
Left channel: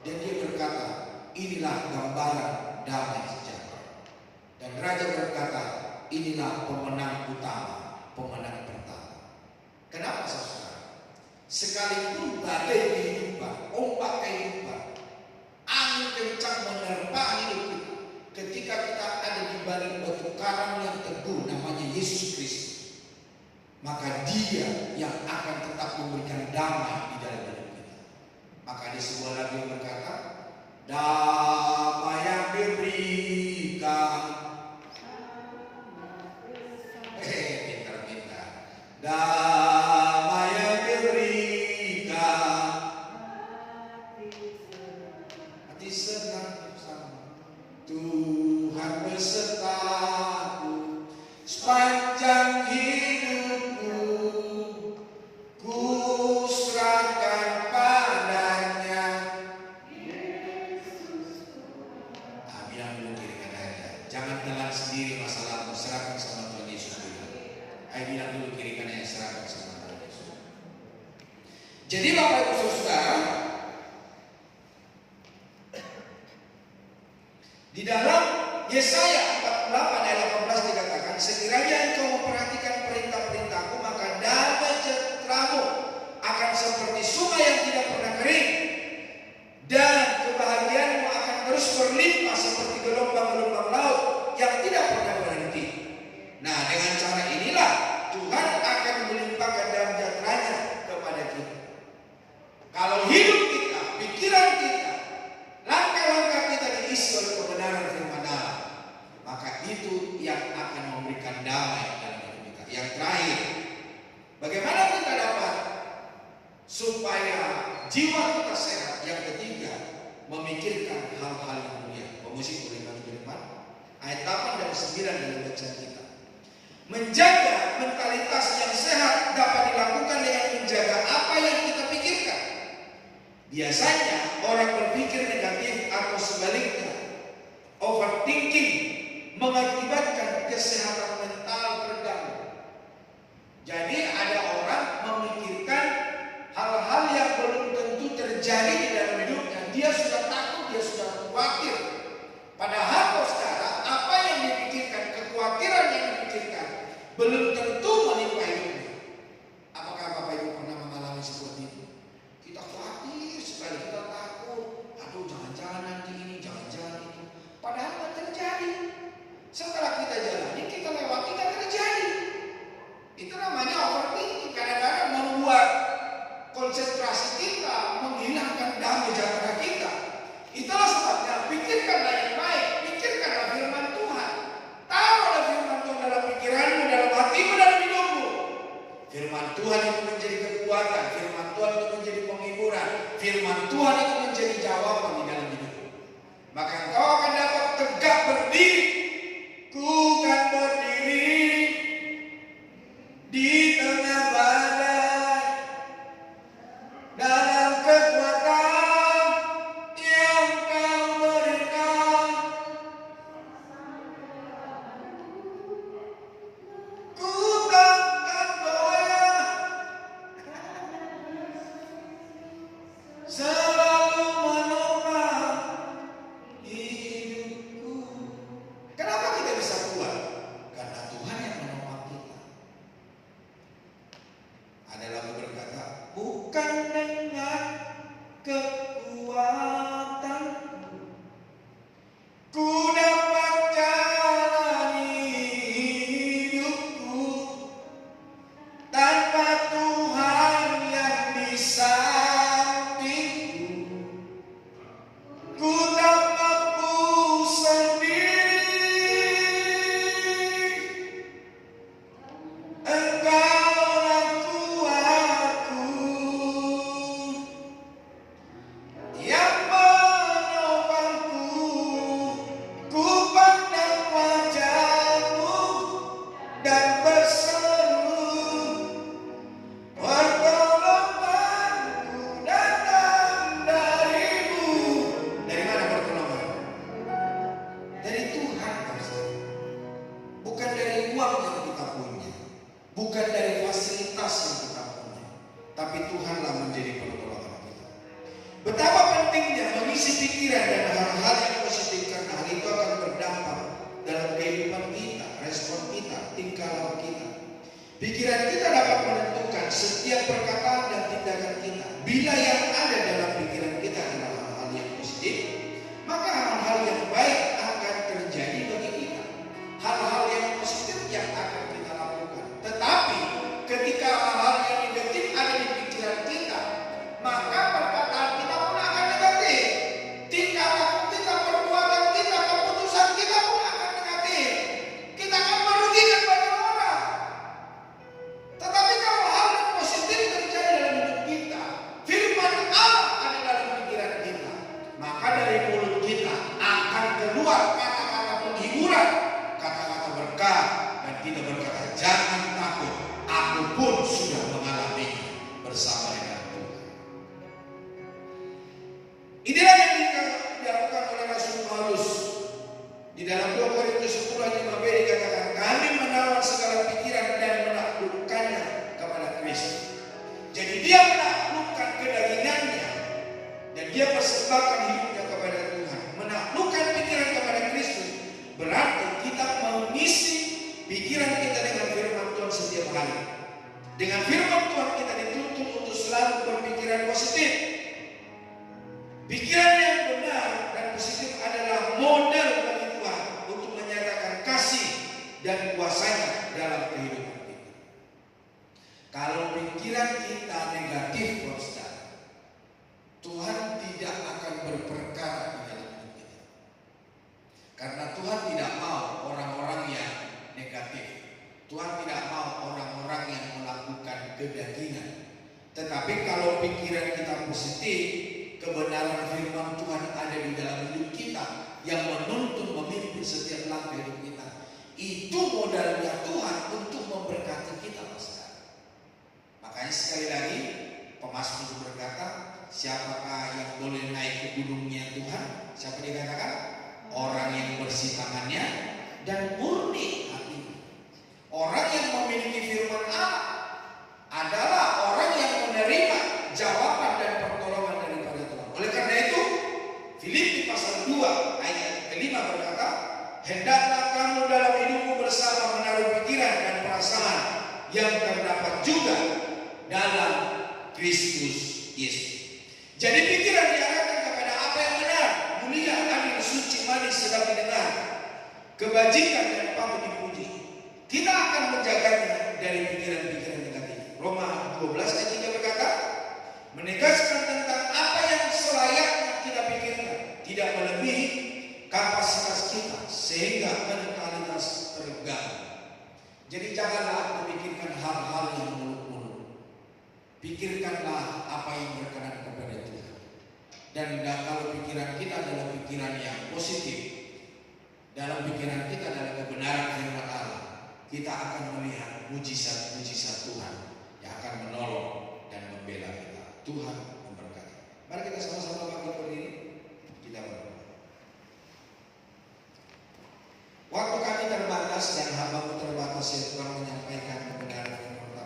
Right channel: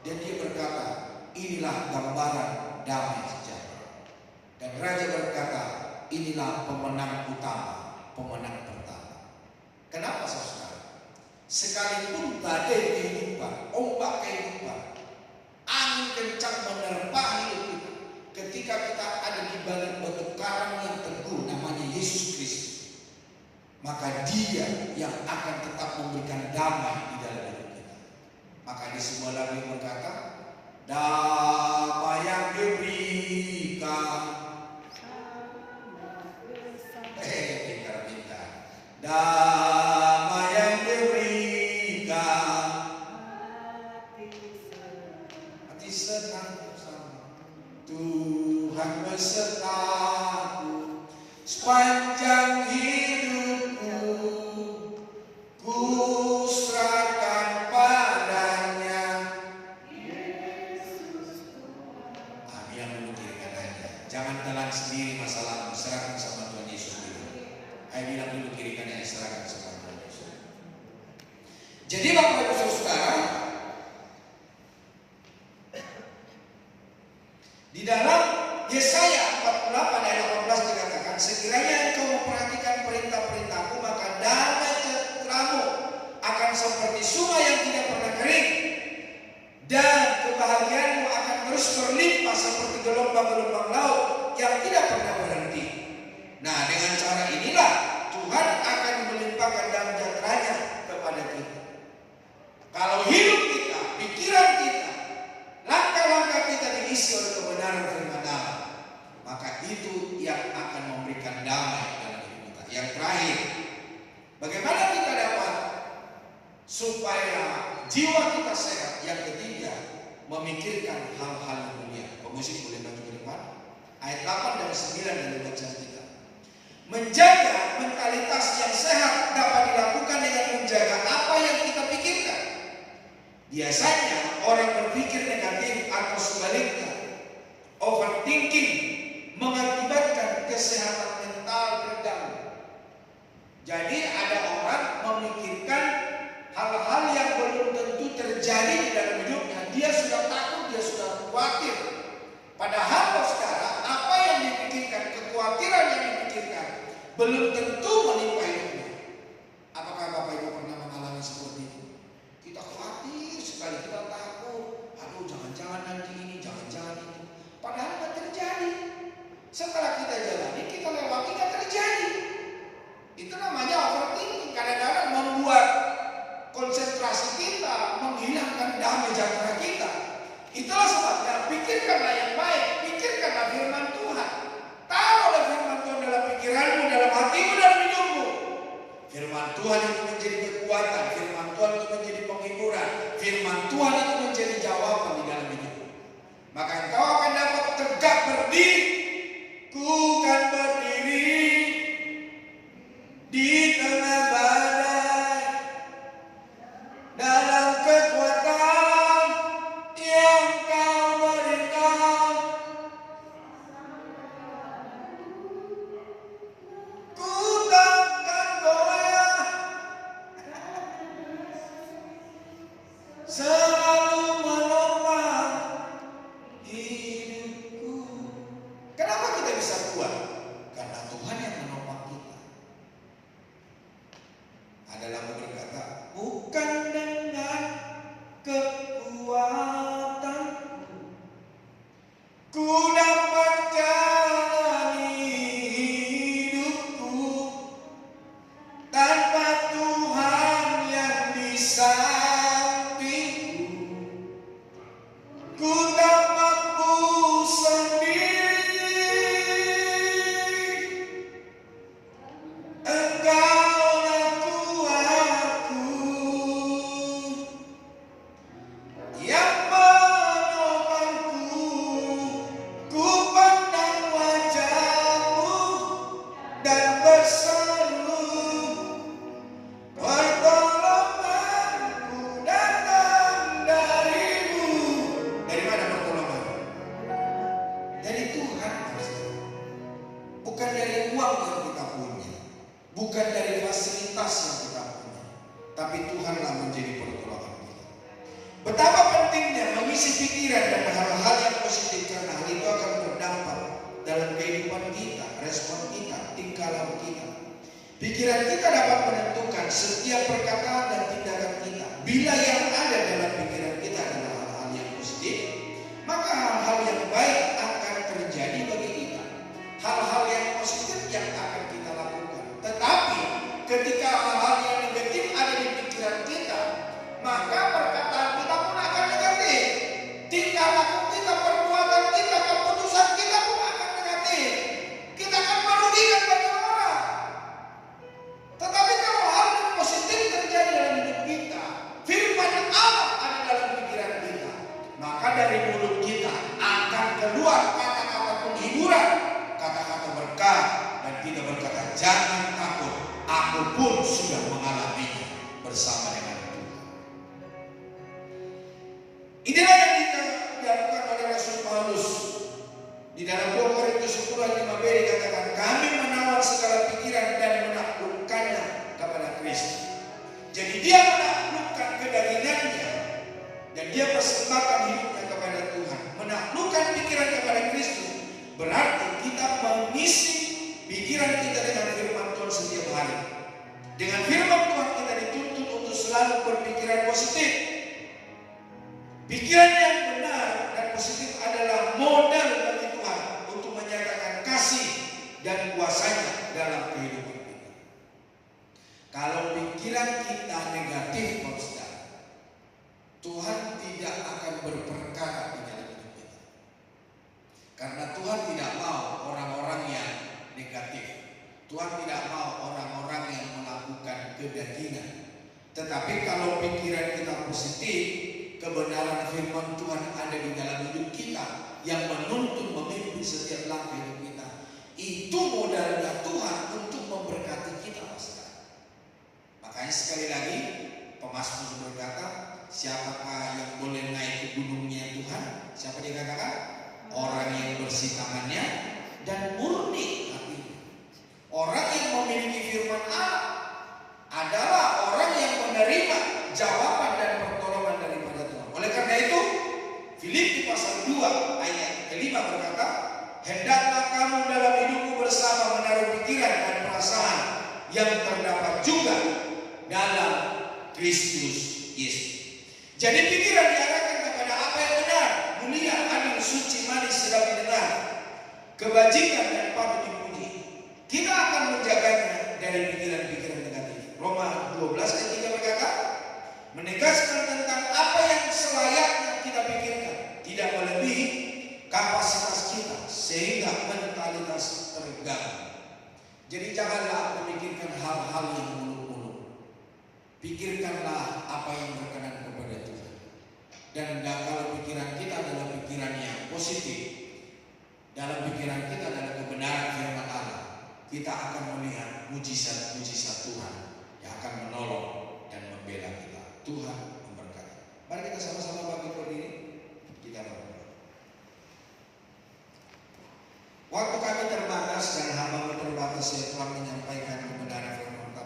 Dan dia berkata, inilah gambaran damai sejahtera. Dan raja berkata, inilah pemenang utama, pemenang pertama. Kenapa saudara? Sekalipun badai kehidupan, ombak kehidupan, angin kencang menerpa hidup kita, ketika kita ada di balik batu karang yang teguh namanya Yesus Kristus, maka Dia yang akan tetap memberikan damai di dalam hidup kita. Maka di sebuah lagu yang berkata, damai yang diberikan, pintar-pintar, damai yang diberikan, hati senang bersama Tuhan besertaku sepanjang hidupku, ku serahkan padanya. Bilang dulu kiri kanannya, jangan telan sendiri masalahmu, serahkan sama Tuhan Yesus dulu. Ayo bilang dulu kiri kanannya, serahkan sama Tuhan Yesus. Jadi Bapak Ibu Saudara, di dalam Yesaya 48 ayat 18 dikatakan, sekiranya engkau memperhatikan perintah-perintahku, maka damai sejahteramu akan seperti sungai yang tidak pernah kering, dan kebahagiaanmu akan terus berlimpah seperti gelombang-gelombang laut yang tidak pernah berhenti. Nah, dengan cara inilah Tuhan akan melimpahkan damai sejahteranya kepada kita. Kalau hidup kita, pikiran kita, langkah-langkah kita diisi oleh kebenaran firman Allah, maka itu yang akan memberikan damai dalam hidup kita. Yang terakhir, bagaimana kita dapat supaya jiwa kita sehat? Yang ketiga, memikirkan hal-hal dunia. Pemusik boleh bantu firman ayat 8 dan 9 dari bacaan kita. Menjaga mentalitas yang sehat dapat dilakukan dengan menjaga apa yang kita pikirkan. Biasanya orang berpikir negatif atau sebaliknya, overthinking mengakibatkan kesehatan mental terganggu. Jadi ada orang memikirkan hal-hal yang belum tentu terjadi di dalam hidupnya. Dia sudah takut, dia sudah khawatir. Padahal sekarang apa yang dipikirkan, kekhawatiran yang dipikirkan belum tentu menimpa hidupnya. Apakah Bapak Ibu pernah mengalami seperti itu? Kita khawatir sekali, kita takut. Aduh, jangan-jangan nanti ini, jangan-jangan itu. Padahal tidak terjadi. Setelah kita jalani, kita lewati, tidak terjadi. Itu namanya overthinking. Kadang-kadang membuat konsentrasi kita, menghilangkan damai sejahtera kita. Itulah sebabnya pikirkanlah yang baik, pikirkanlah firman Tuhan. Taruhlah firman Tuhan dalam pikiranmu, dalam hatimu, dalam hidupmu. Firman Tuhan itu menjadi kekuatan, firman Tuhan itu menjadi penghiburan, firman Tuhan itu menjadi jawaban di dalam hidupmu. Maka engkau akan dapat tegak berdiri. Ku kan berdiri di tengah badai dalam kekuatan yang kau berikan. Ku takkan goyah, selalu menopang hidupku. Kenapa kita bisa kuat? Karena Tuhan yang menopang kita. Ada lagu berkata, bukan dengan kekuatanku ku dapat jalani hidupku, tanpa Tuhan yang di sampingku ku tak mampu sendiri. Engkaulah kuatku yang menopangku, ku bukan dari fasilitas yang kita punya, tapi Tuhanlah menjadi pertolongan kita. Betapa pentingnya mengisi pikiran dan hal-hal yang positif, karena hal itu akan berdampak dalam kehidupan kita, respon kita, tingkah laku kita. Pikiran kita dapat menentukan setiap perkataan dan tindakan kita. Bila yang ada dalam pikiran kita adalah hal-hal yang positif, maka hal-hal yang baik akan terjadi bagi kita. Hal-hal yang positif yang akan kita lakukan. Tetapi ketika hal-hal yang negatif ada di pikiran kita, maka perkataan kita pun akan negatif. Tingkah laku kita, perbuatan kita, keputusan kita pun akan negatif. Kita akan merugikan banyak orang. Tetapi kalau hal yang positif terjadi dalam hidup kita, firman Allah ada dalam pikiran kita, maka dari mulut kita akan keluar kata-kata penghiburan, kata-kata berkat, dan kita berkata, jangan takut, aku pun sudah mengalaminya bersama dengan Tuhan. Inilah yang dilakukan oleh Rasul Paulus di dalam 2 Korintus 10 ayat 5b dikatakan, kami menawan segala pikiran dan menaklukkannya kepada Kristus. Jadi dia menaklukkan kedagingannya dan dia persembahkan hidupnya kepada Tuhan. Menaklukkan pikiran kepada Kristus berarti kita mengisi pikiran kita dengan firman Tuhan setiap hari. Dengan firman Tuhan kita dituntut untuk selalu berpikiran positif. Pikiran yang benar dan positif adalah modal bagi Tuhan untuk menyatakan kasih dan kuasanya dalam kehidupan kita. Kalau pikiran kita negatif, saudara, Tuhan tidak akan berperkara di dalam hidup kita. Karena Tuhan tidak mau orang-orang yang negatif. Tuhan tidak mau orang-orang yang melakukan kedagingan. Tetapi kalau pikiran kita positif, kebenaran firman Tuhan ada di dalam hidup kita yang menuntun memimpin setiap langkah hidup kita. Itu modalnya Tuhan untuk memberkati kita, saudara. Makanya sekali lagi pemazmur berkata, siapakah yang boleh naik ke gunungnya Tuhan? Siapa dikatakan? Orang yang bersih tangannya dan murni hatinya. Orang yang memiliki firman Allah adalah orang yang menerima jawaban dan pertolongan daripada Tuhan. Oleh karena itu, Filipi pasal 2 ayat kelima berkata, hendaklah kamu dalam hidupmu bersama menaruh pikiran dan perasaan yang terdapat juga dalam Kristus Yesus. Jadi pikiran diarahkan kepada apa yang benar, mulia, adil, suci, manis, sedap didengar, kebajikan dan patut dipuji. Kita akan menjaganya dari pikiran-pikiran negatif. Roma 12 ayat 3 berkata, menegaskan tentang apa yang selayaknya kita pikirkan, tidak melebihi kapasitas kita sehingga mentalitas terganggu. Jadi janganlah memikirkan hal-hal yang muluk-muluk. Pikirkanlah apa yang berkenan kepada Tuhan. Dan kalau pikiran kita adalah pikiran yang positif, dalam pikiran kita adalah kebenaran firman Allah, kita akan melihat mujizat